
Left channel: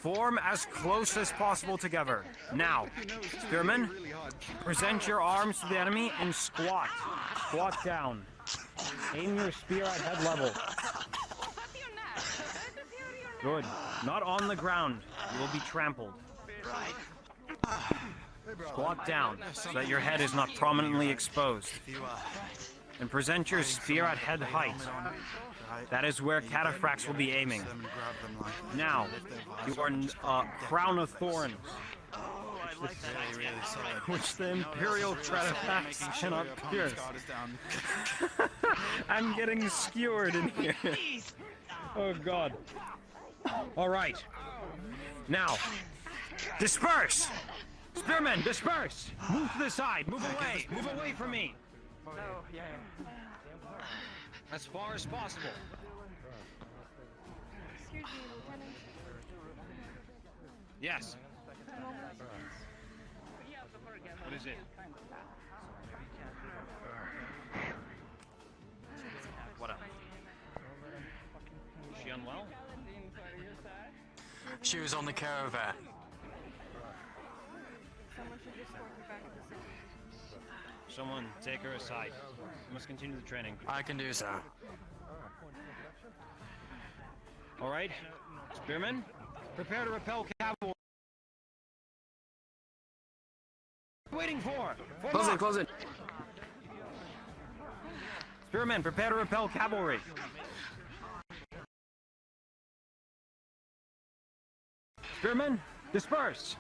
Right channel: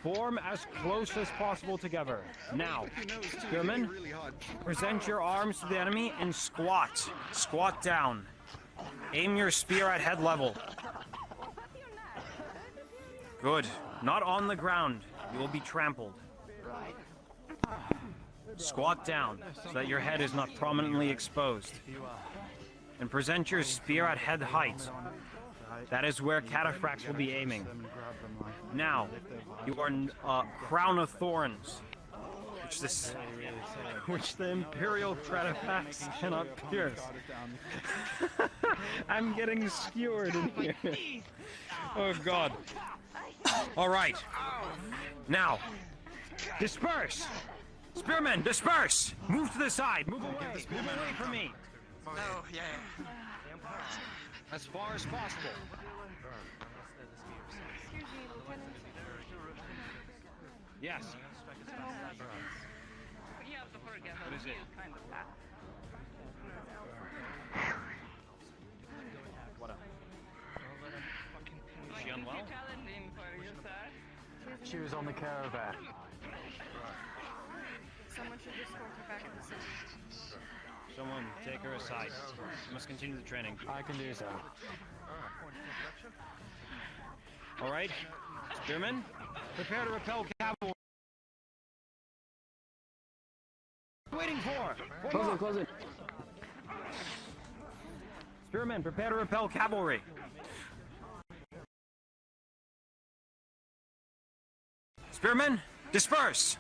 form as close as possible together. Now, spearmen, present your arms to the enemy and squat. Squat down. Aim your spear at head level. Good. Not on the ground. You will be trampled. Squat down so that your head is not prominently exposed. And present your spear at head height. That is where cataphracts will be aiming. Now, you are crown of thorns, which the imperial cataphracts cannot pierce. I'm getting skewered in here. Oh God. All right. Now, disperse. Spearmen, disperse. Move to the side. Move away. Move away from me. As far as possible. Excuse me, Lieutenant. Yes. A moment. What is it? What up? Is she unwell? She was on the caravan. Someone should escort her back to the city. Someone take her aside. We must continue the training. I can do so. All right, spearmen, prepare to repel cavalry. Waiting for. Close it, close it. Spearmen, prepare to repel cavalry. Disperse!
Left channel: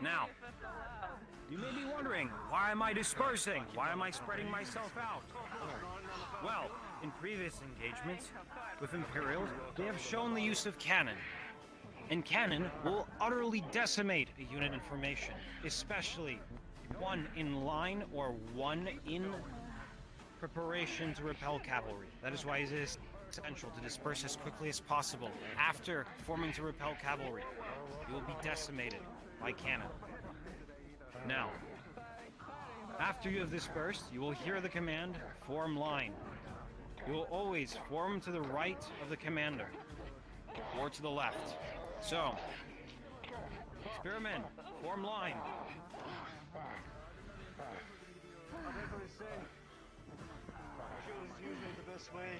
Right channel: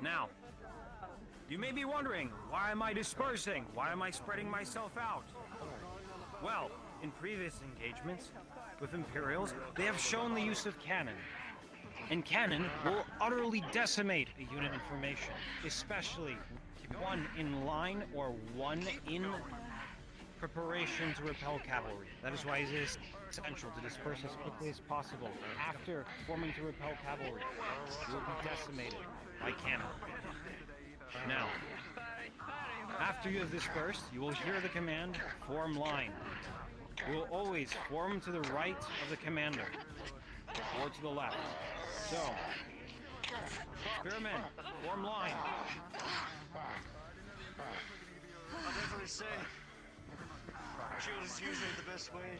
Now, you may be wondering, why am I dispersing? Why am I spreading myself out? Well, in previous engagements with Imperials, they have shown the use of cannon. And cannon will utterly decimate a unit in formation, especially one in line or one in preparation to repel cavalry. That is why it is essential to disperse as quickly as possible. After forming to repel cavalry, you will be decimated by cannon. Now, after you have dispersed, you will hear the command, form line. You will always form to the right of the commander, or to the left. So, spearmen, form line. Shield is usually the best way.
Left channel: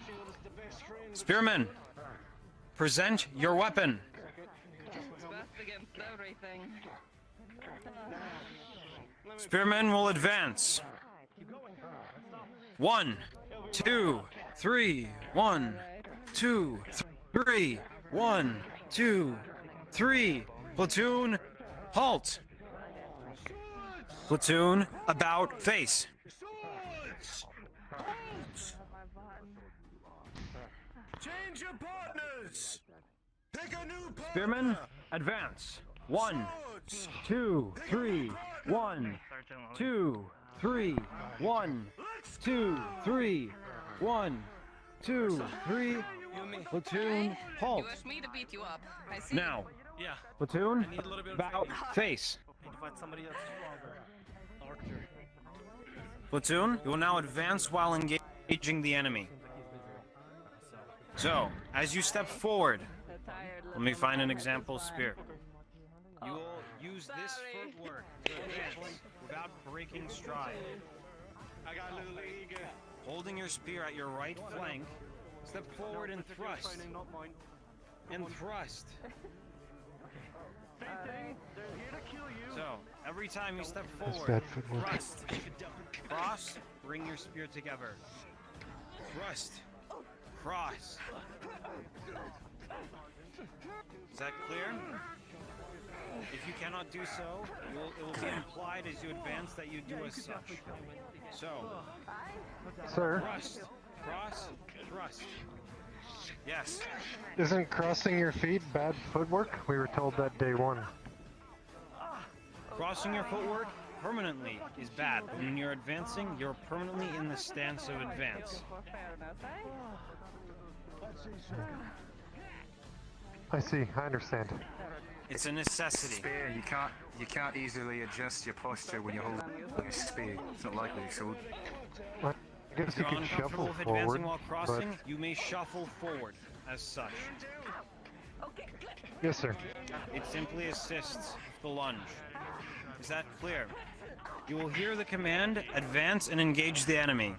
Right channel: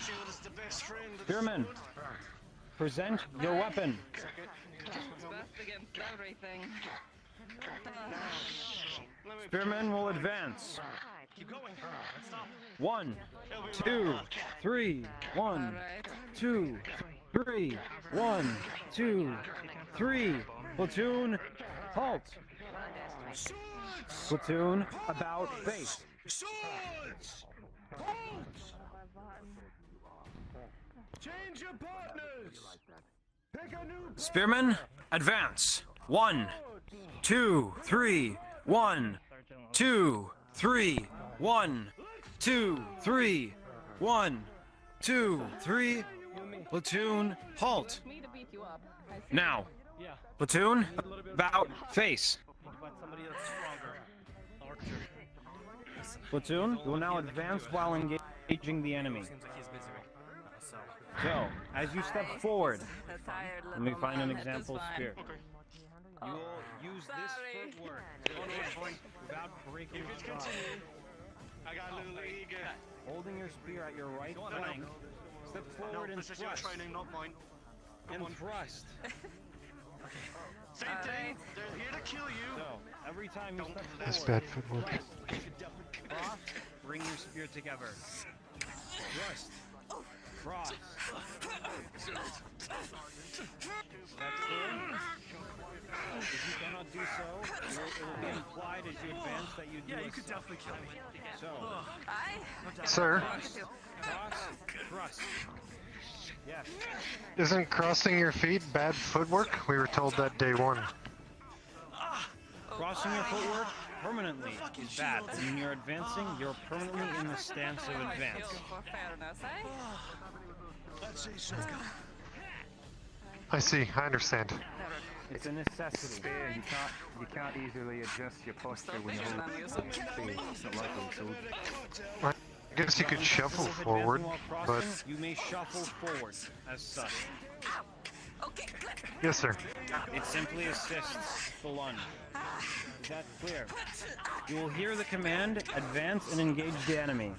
Shield is the best friend. Spearmen, present your weapon. Best against everything. Spearmen will advance. 1, 2, 3. 1, 2, 3. 1, 2, 3. Platoon, halt. Platoon, about face. Swords! Halt! Change your partners! Pick a new Spearmen, advance. 1, 2, 3. 1, 2, 3. 1, 2, 3. 1, 2, 3. Platoon, halt. Me to beat you up. I see. Now, platoon, about face. Platoon, you will now advance while engaging the enemy. So, as you step forward, let me find an example spear. You will use this footwork to advance without breaking stride. I got a little eager. Holding your spear at your right flank, step forward and thrust. And thrust. Same thing. They're here to kill you. So, every time you step forward, That's bad footwork. cross, bring your spear together. Thrust. Cross. Is that clear? If you cannot do so, it will be implied as you advance that you do as such. So, Sir, thrust, cross, thrust. Yes. isn't crossing your feet bad footwork? We were told that day one. Crossing your footwork permanently is bad. When you're advancing, you're permanently in the stance of advance. I see, I understand. It's a necessity. Spear, you can't easily adjust your posture when you hold the spear. It's not likely, so I guess you could shuffle forward, While but crossing, you may shuffle forward as such. yes, sir. It simply assists the lunge. Is that clear? You will hear the command, advance and engage the enemy.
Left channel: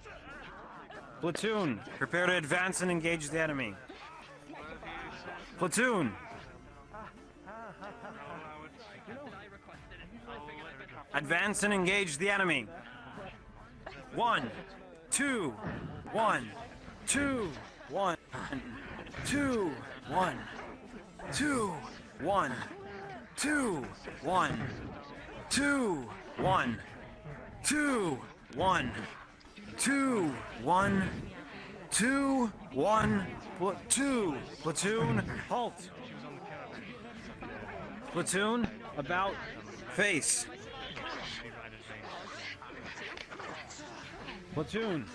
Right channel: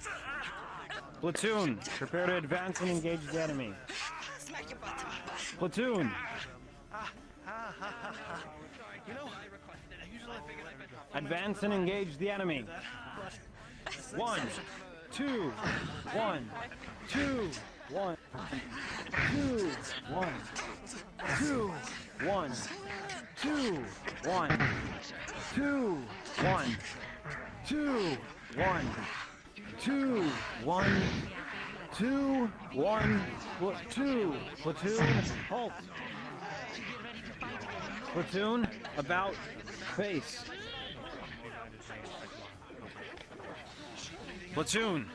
Platoon, prepare to advance and engage the enemy. Platoon. Advance and engage the enemy. 1, 2, 1, 2, 1, 2, 1, 2, 1, 2, 1, 2, 1, 2, 1, 2, 1, 2, 1, 2, platoon, halt. Platoon, about face. Platoon,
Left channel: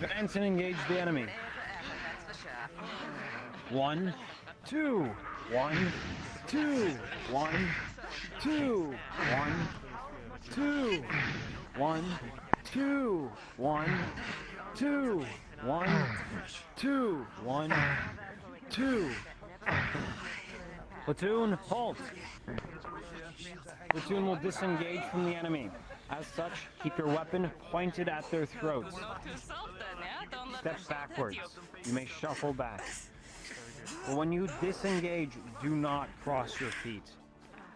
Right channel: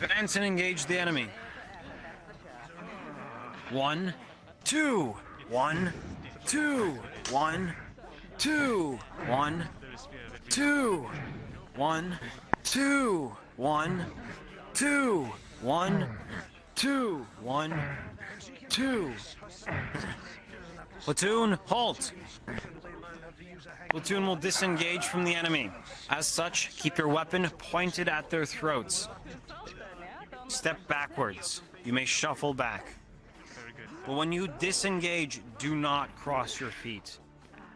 advance and engage the enemy. 1, 2, 1, 2, 1, 2, 1, 2, 1, 2, 1, 2, 1, 2, 1, 2. Platoon, halt. Platoon will disengage from the enemy. As such, keep your weapon pointed at their throats. Step backwards. You may shuffle back. But when you disengage, do not cross your feet.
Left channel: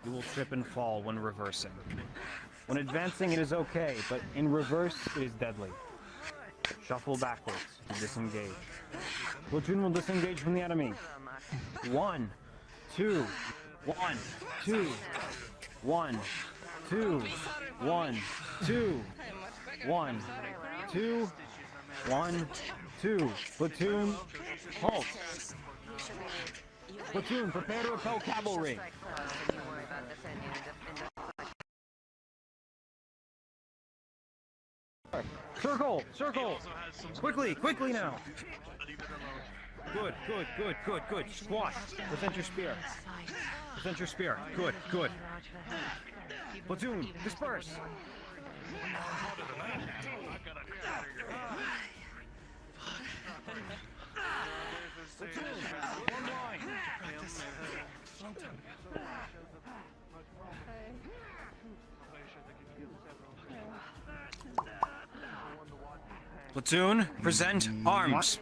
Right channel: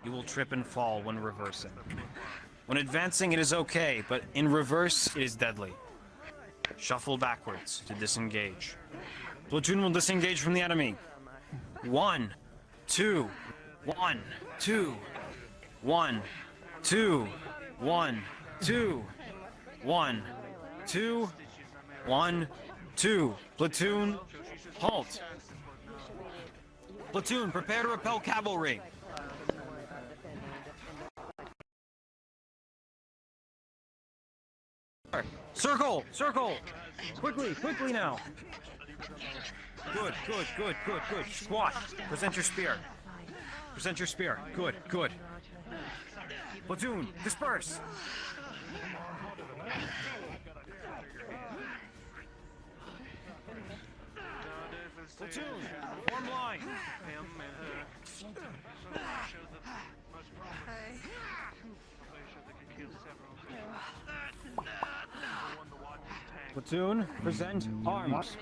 You will trip and fall when reversing. When advancing, it is okay, but in reverse, it is deadly. shuffle backwards to disengage. Platoon will disengage from the enemy. 1, 2, 1, 2, 1, 2, 1, 2, 1, 2, 1, 2. Platoon, halt. Platoon, prepare to repel cavalry. Circle! Circle! Quickly! Quickly now! Good, good, good, good, good. Squash. Present your spear. Present your spear. Good, good. Platoon, disperse! Platoon, form line! Platoon, present arms.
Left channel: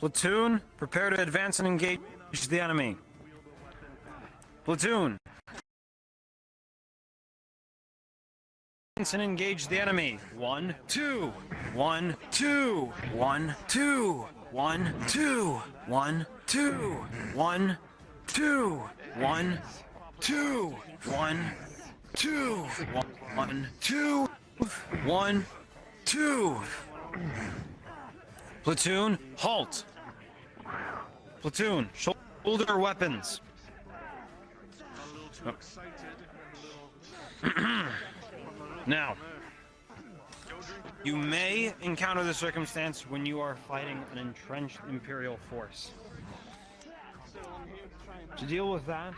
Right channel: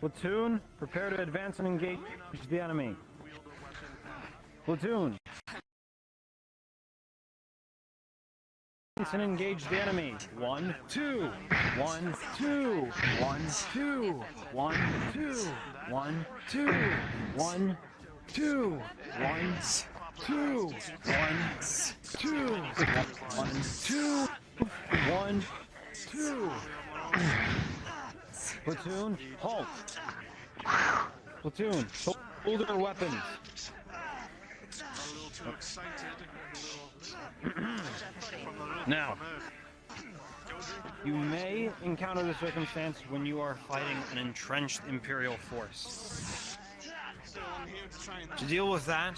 Platoon, prepare to advance and engage the enemy. Platoon. Advance and engage the enemy. 1, 2. 1, 2. 1, 2. 1, 2. 1, 2. 1, 2. 1, 2. 1, 2. 1, 2. 1, 2. Platoon, halt. Platoon, shoulder weapons. Now, you may encounter the circumstance when you are fighting an entrenched Imperial force. To deal with that,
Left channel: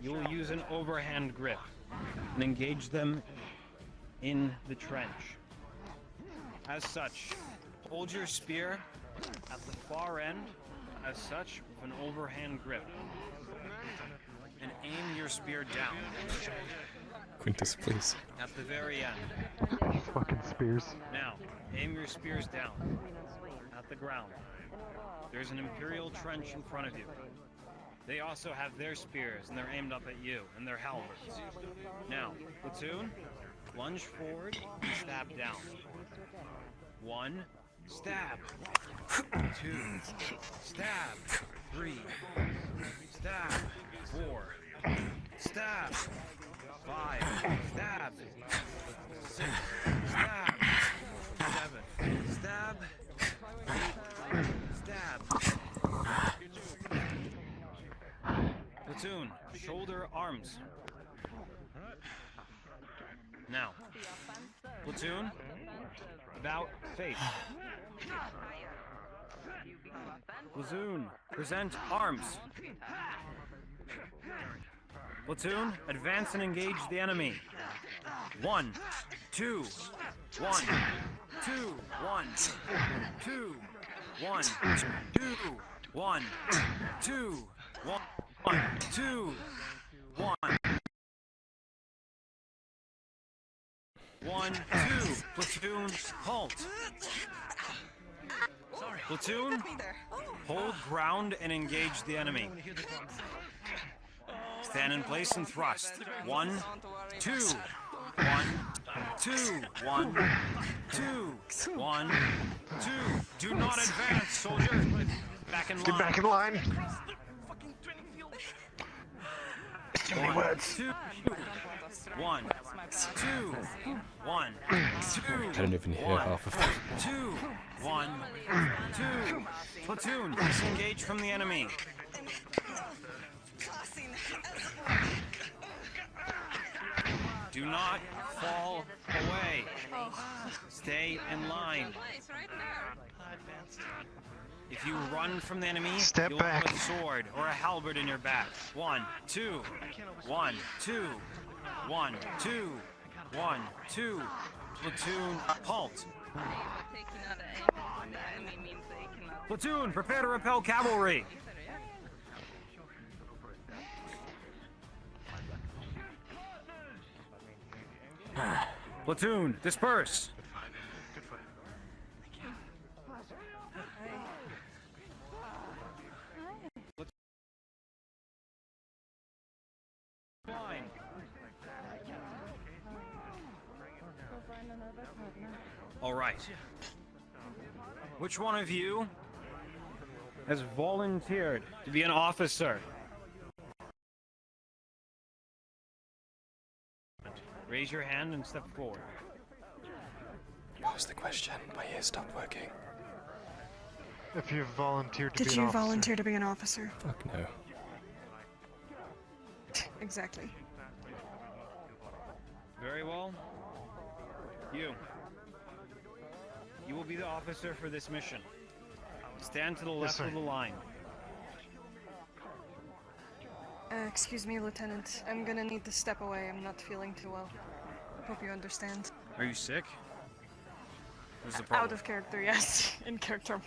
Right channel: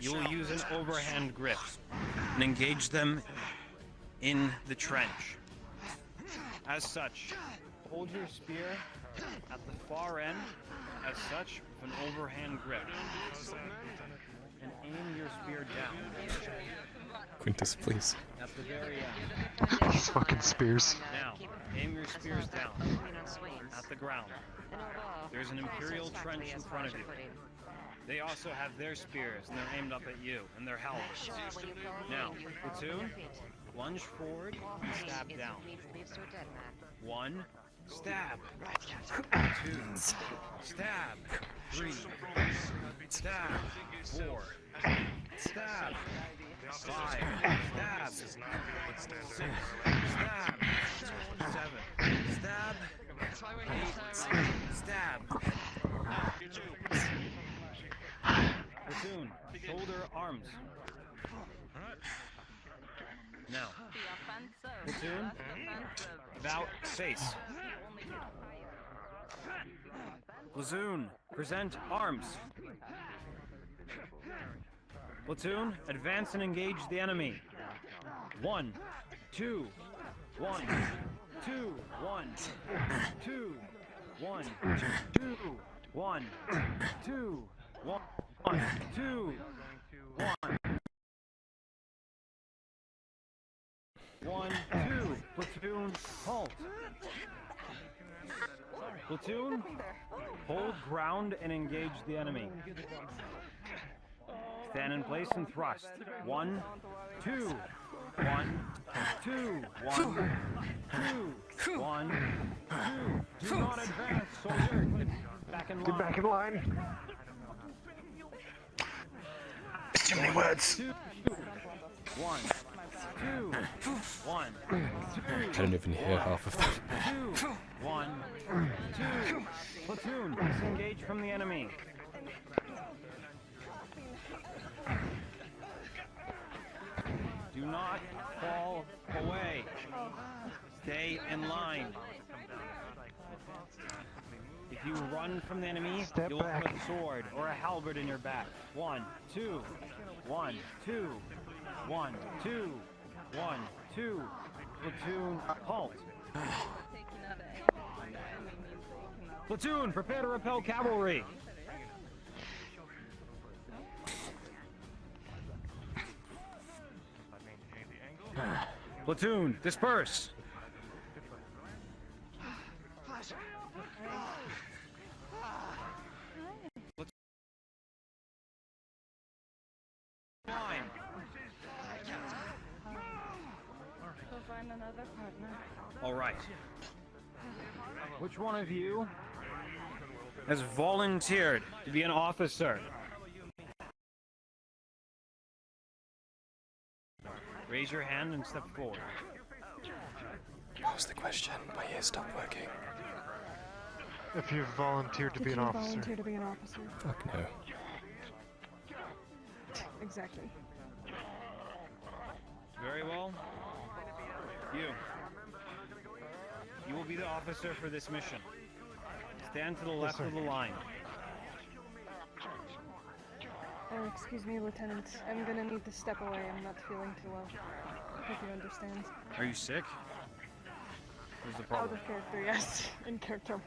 you will use an overhand grip and engage them in the trench. As such, hold your spear at the far end, as such, with an overhand grip. And aim your spear down. Quintus, please. At the very end. These fucking spears. Now, aim your spears down. At the ground. There's an Imperial trench in front of you. They also have their spears, and they're aimed up at you, and their halberds. Now, platoon, lunge forward and stab down. 1, stab. 2, stab. 3, stab. 4, stab. 5, stab. 6, stab. 7, stab. 8, stab. Platoon, shoulder arms. Now, platoon, about face. Platoon, present arms. Platoon, advance and engage the enemy. 1, 2, 1, 2, 1, 2, 1, 2, 1, 2, 1, 2, 1. 1, 2. Platoon, halt. Platoon, hold ground and engage the enemy. Stand in place and thrust. 1, 2. 1, 2. 1, 2. 1, 2. Do not advance, soldier. Back in line. Get back in line. Too many words. 2, 1, 2, 1, 2. I don't even hear half of them. 2, 1, 2. Platoon, disengage from the enemy. Do not fall away. Stay in line. If you run from the enemy, you'll have a sword or a halberd in your back. 1, 2. 1, 2. 1, 2. 1, 2. Platoon, halt. Platoon, prepare to repel cavalry. Platoon, disperse. Line. another partner. All right. Which one of you has volunteered to be an officer? Raise your hand and step forward. What was the question? My ears stopped working. If you've volunteered to Did be an you officer. volunteer to be an officer? Fuck no. Exactly. Very well. You will be the officer for this mission. Stand to the left sir. of the line. Excuse me, Lieutenant. I'm gonna need to step away. I'm not feeling too well. Hope you understand. Are you sick? What's the problem? Out of character, yes. In character.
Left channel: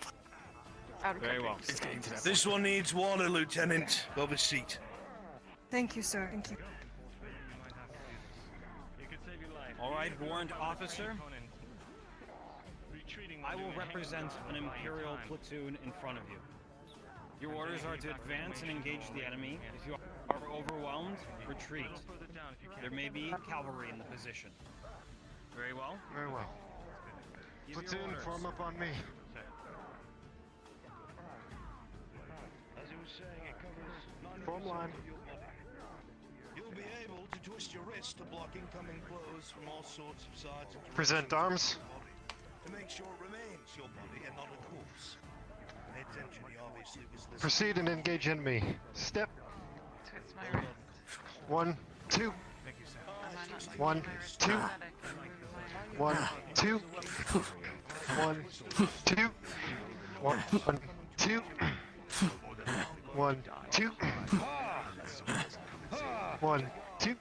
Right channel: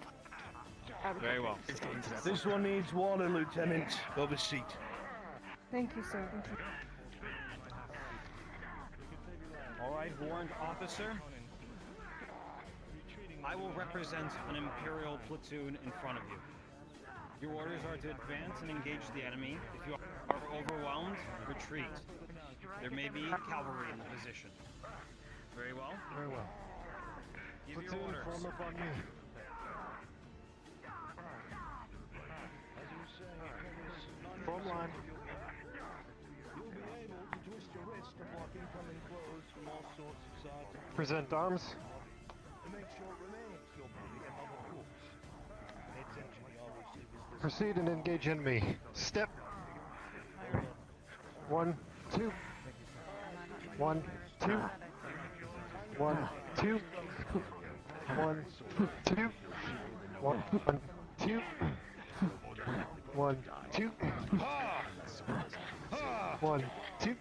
Out of Very character. well. This one needs water, Lieutenant. Have a seat. Thank you, sir. Thank you. All right, warrant officer. I will represent an Imperial platoon in front of you. Your orders are to advance and engage the enemy. If you are overwhelmed, retreat. There may be cavalry in the position. Very well. Very well. Give your Platoon, orders. form up on me. Form line. You'll be able to twist your wrist to block incoming blows from all sorts of sides. Present arms. To make sure it remains, you'll put it in other hoops. Pay attention, he obviously was listening. Proceed and engage enemy. Step. 1, 2. 1, 2. 1, 2. 1, 2. 1, 2. 1, 2. 1, 2.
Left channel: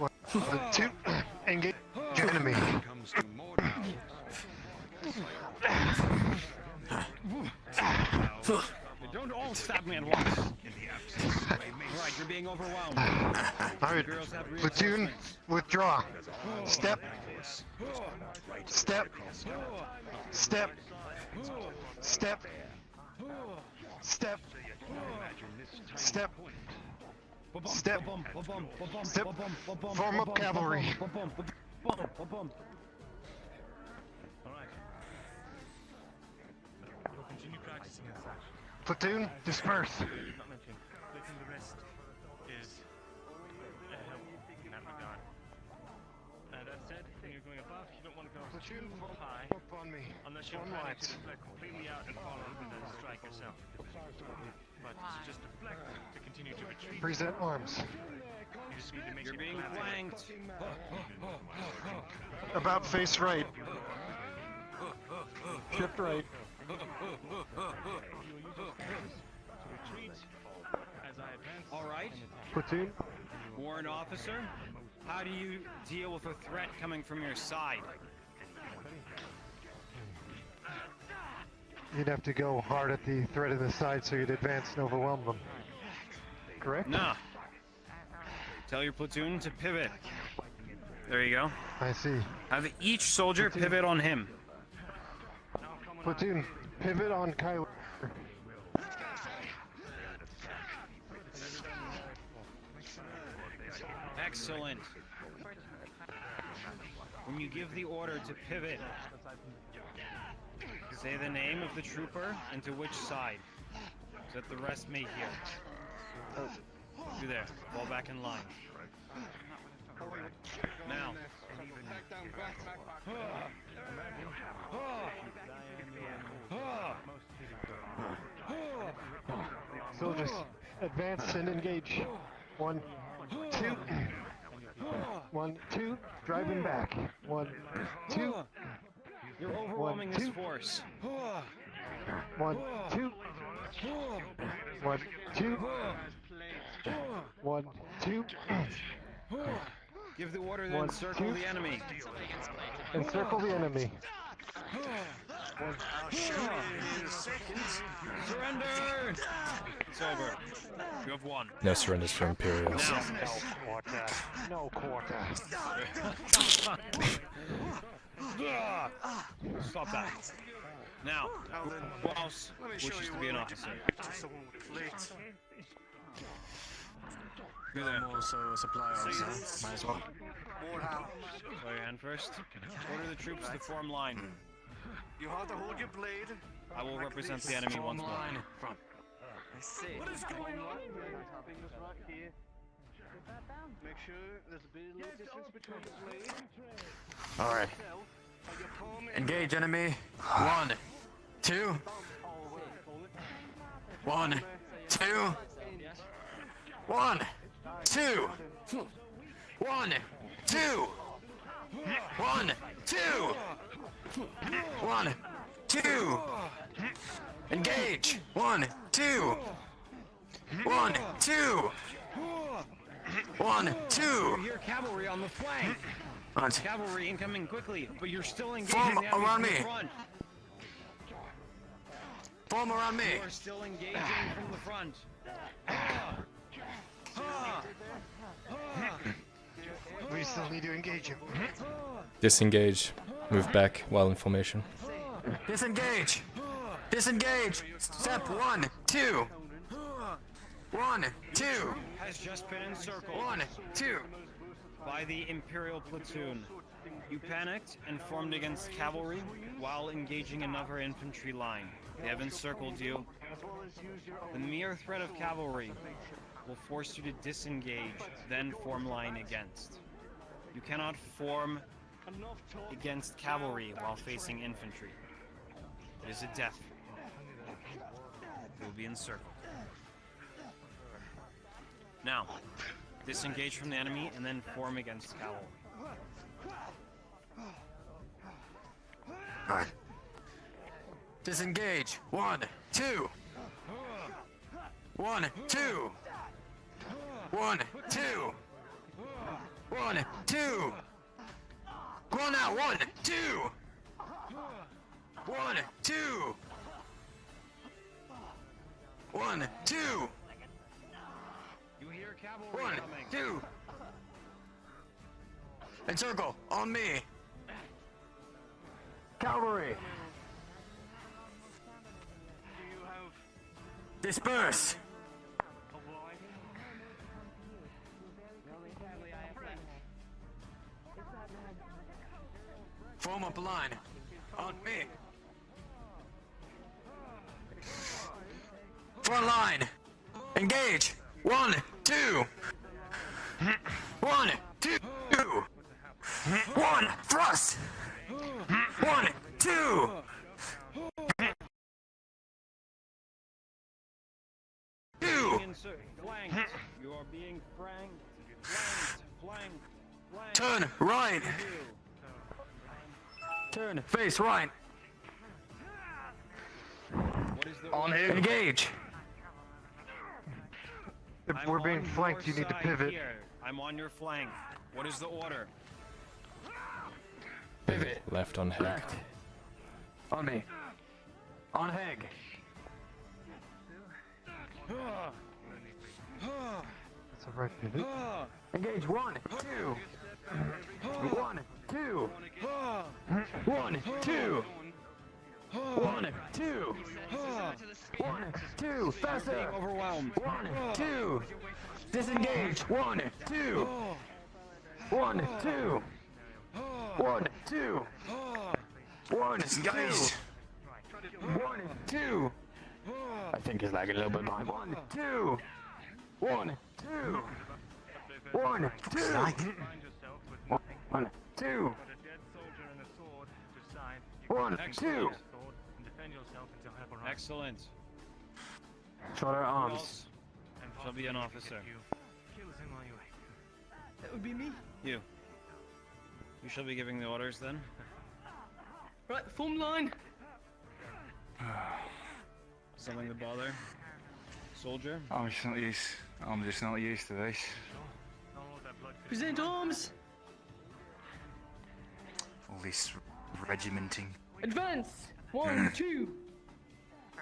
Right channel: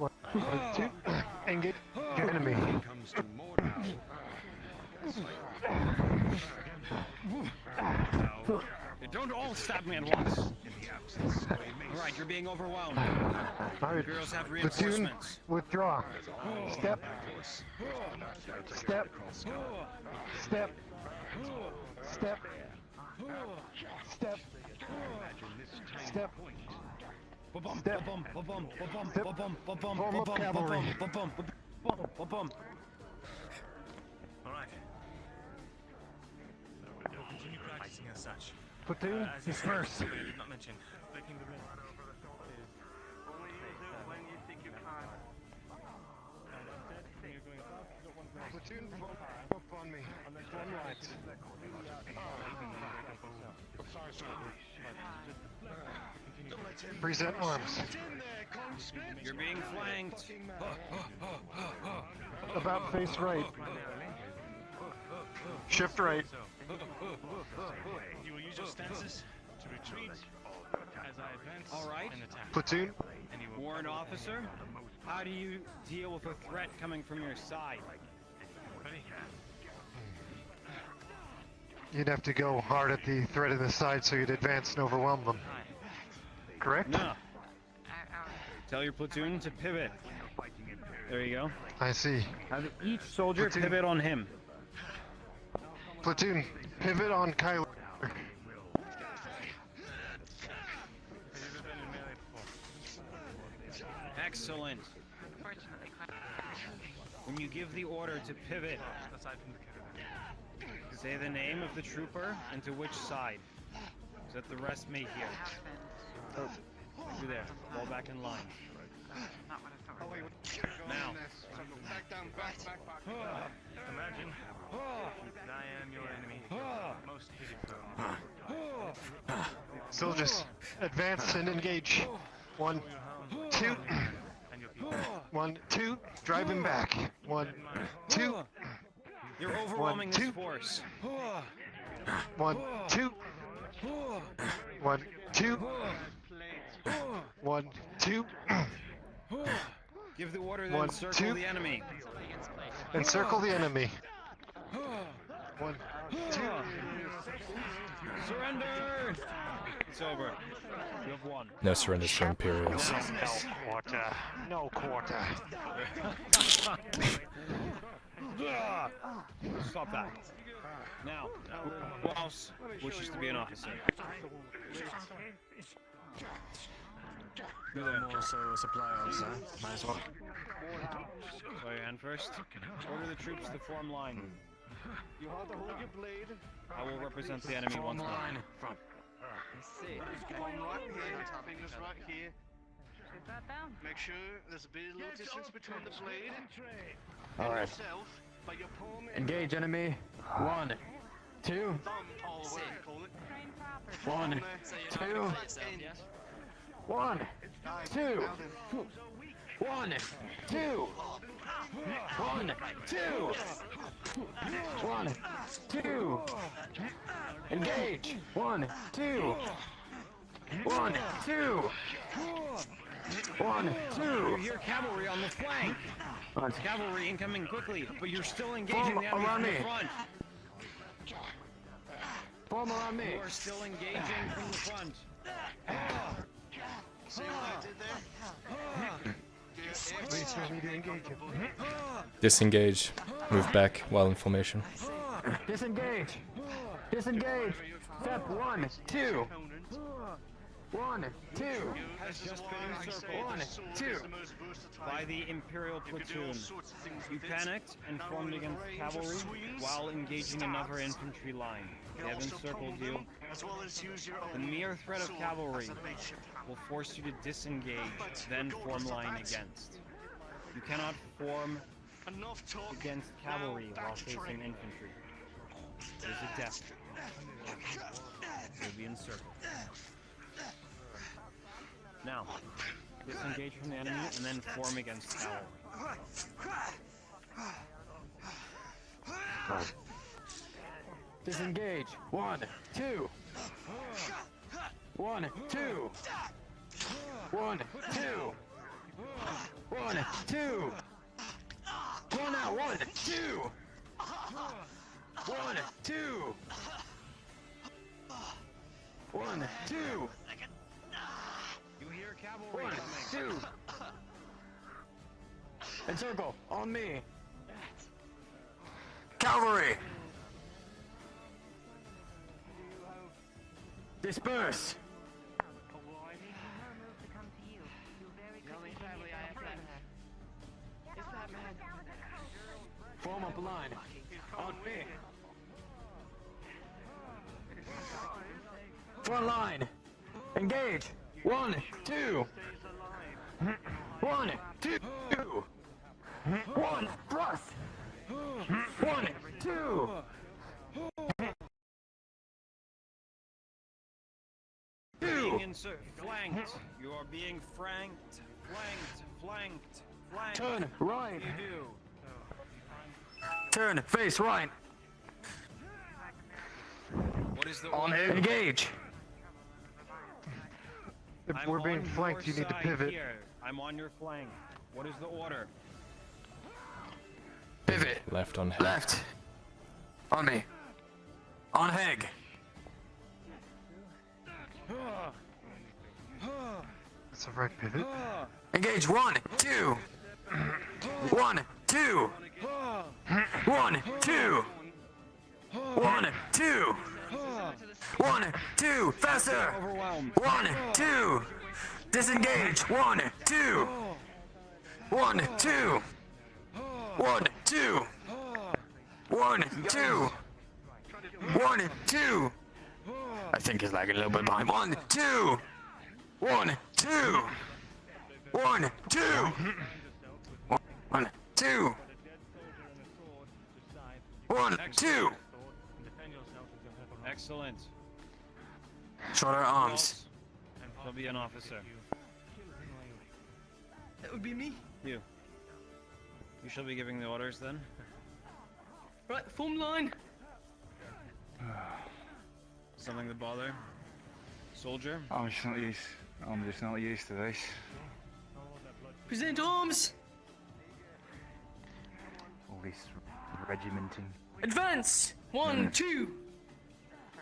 1, 2. Engage enemy. They don't all stab me at once. All right, you're being overwhelmed. Alright, Imperials have platoon, reinforcements. withdraw. Step. Step. Step. Step. Step. Step. Step. Step. Form up cavalry. We'll continue practicing as such. Platoon, disperse. Not mentioned. Flicking the wrist is. That said, when you're going above, you don't want to go. Platoon, form up on me. Unless Form you're lines. completely out and strike yourself. But just deflect to continue to retreat. Present arms. You're being flanked. About face right. Shift right. You will use your stances to retreat as I advance. All right. and attack. Platoon, Warrant officer, how do you deal with a threat coming from your side? you'd have to go hard at the threat in the side so you'd advance and overwhelm them. Correct? No. Tell your platoon to pivot. There you go. I see. Have each soldier Platoon. pivot on him. Platoon, pivot on Kyler. Excellent. When you give the order to pivot, say the name of the trooper and to which side, so that the rest may hear. You there, fall back in line. Now. Soldiers, advance and engage. 1, 2. 1, 2. Drive him back. 1, 2. You're overwhelming this force. 1, 2. 1, 2. 1, 2. Give the order to 1, encircle 2. the enemy. Encircle the enemy. 1, 2. Surrender! It's over. You have won. No surrenders for Imperials. No quarter. Stop that. Now, who else wishes to be an officer? No more supply officer. Might as well. Show your hand first. Order the troops to form line. You have to hold your blade. I will represent the enemy once more. Front. Let's see. What is going on here? Fingers right here. Make sure there's a bit of little distance between the blade. Alright. By your palm. Engage enemy. 1, 2. 1, 2. 1, 2. 1, 2. 1, 2. 1, 2. Engage. 1, 2. 1, 2. 1, 2. You hear cavalry on the flank. Cavalry incoming quickly, but you're still engaging the enemy from the front. Form around me. You are still engaging from the front. We still need to engage him. Disengage. Move back while in formation. Disengage. Disengage. Step 1, 2. 1, 2. Has just been encircled 1, 2. by the Imperial platoon. You panicked and formed against cavalry while engaging another infantry line. They have encircled you. The mere threat of cavalry will force you to disengage, then form line against. You cannot form against cavalry while facing infantry. It is a death. You will be encircled. Now, disengage from the enemy and then form against cavalry. Alright. Disengage. 1, 2. 1, 2. 1, 2. 1, 2. Run out. 1, 2. 1, 2. 1, 2. You hear cavalry 1, coming. 2. Encircle on me. Cavalry. Disperse. Form up line. On me. Front line. Engage. 1, 2. 1, 2. 1. Thrust. 1, 2. Flanked. You are being flanked. Turn right. Turn face right. What is the Engage. If we're being flanked, you need to pivot. Here. I'm on your flank. What is the order? Pivot. Left on head. Left. On me. On Heg. That's a right pivot. Engage. 1, 2. 1, 2. 1, 2. 1, 2. 1, 2. Faster. Overwhelmed. 1, 2. Disengage. 1, 2. 1, 2. 1, 2. 1, 2. 1, 2. I think he's lagging a little bit behind. 1, 2. 1, 2. 1, 2. 1, 2. 1, 2. Excellent. Shorter arms. Shall be an officer. That would be me. You. You shall be giving the orders then. Right, form line. Something to bother? Soldier? I'm just not used to this. Present arms. All this regimenting. Advance. 1, 2.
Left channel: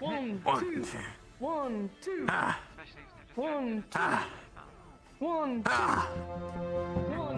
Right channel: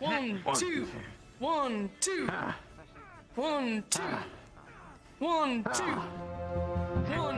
1, 2. 1, 2. 1, 2. 1, 2. 1,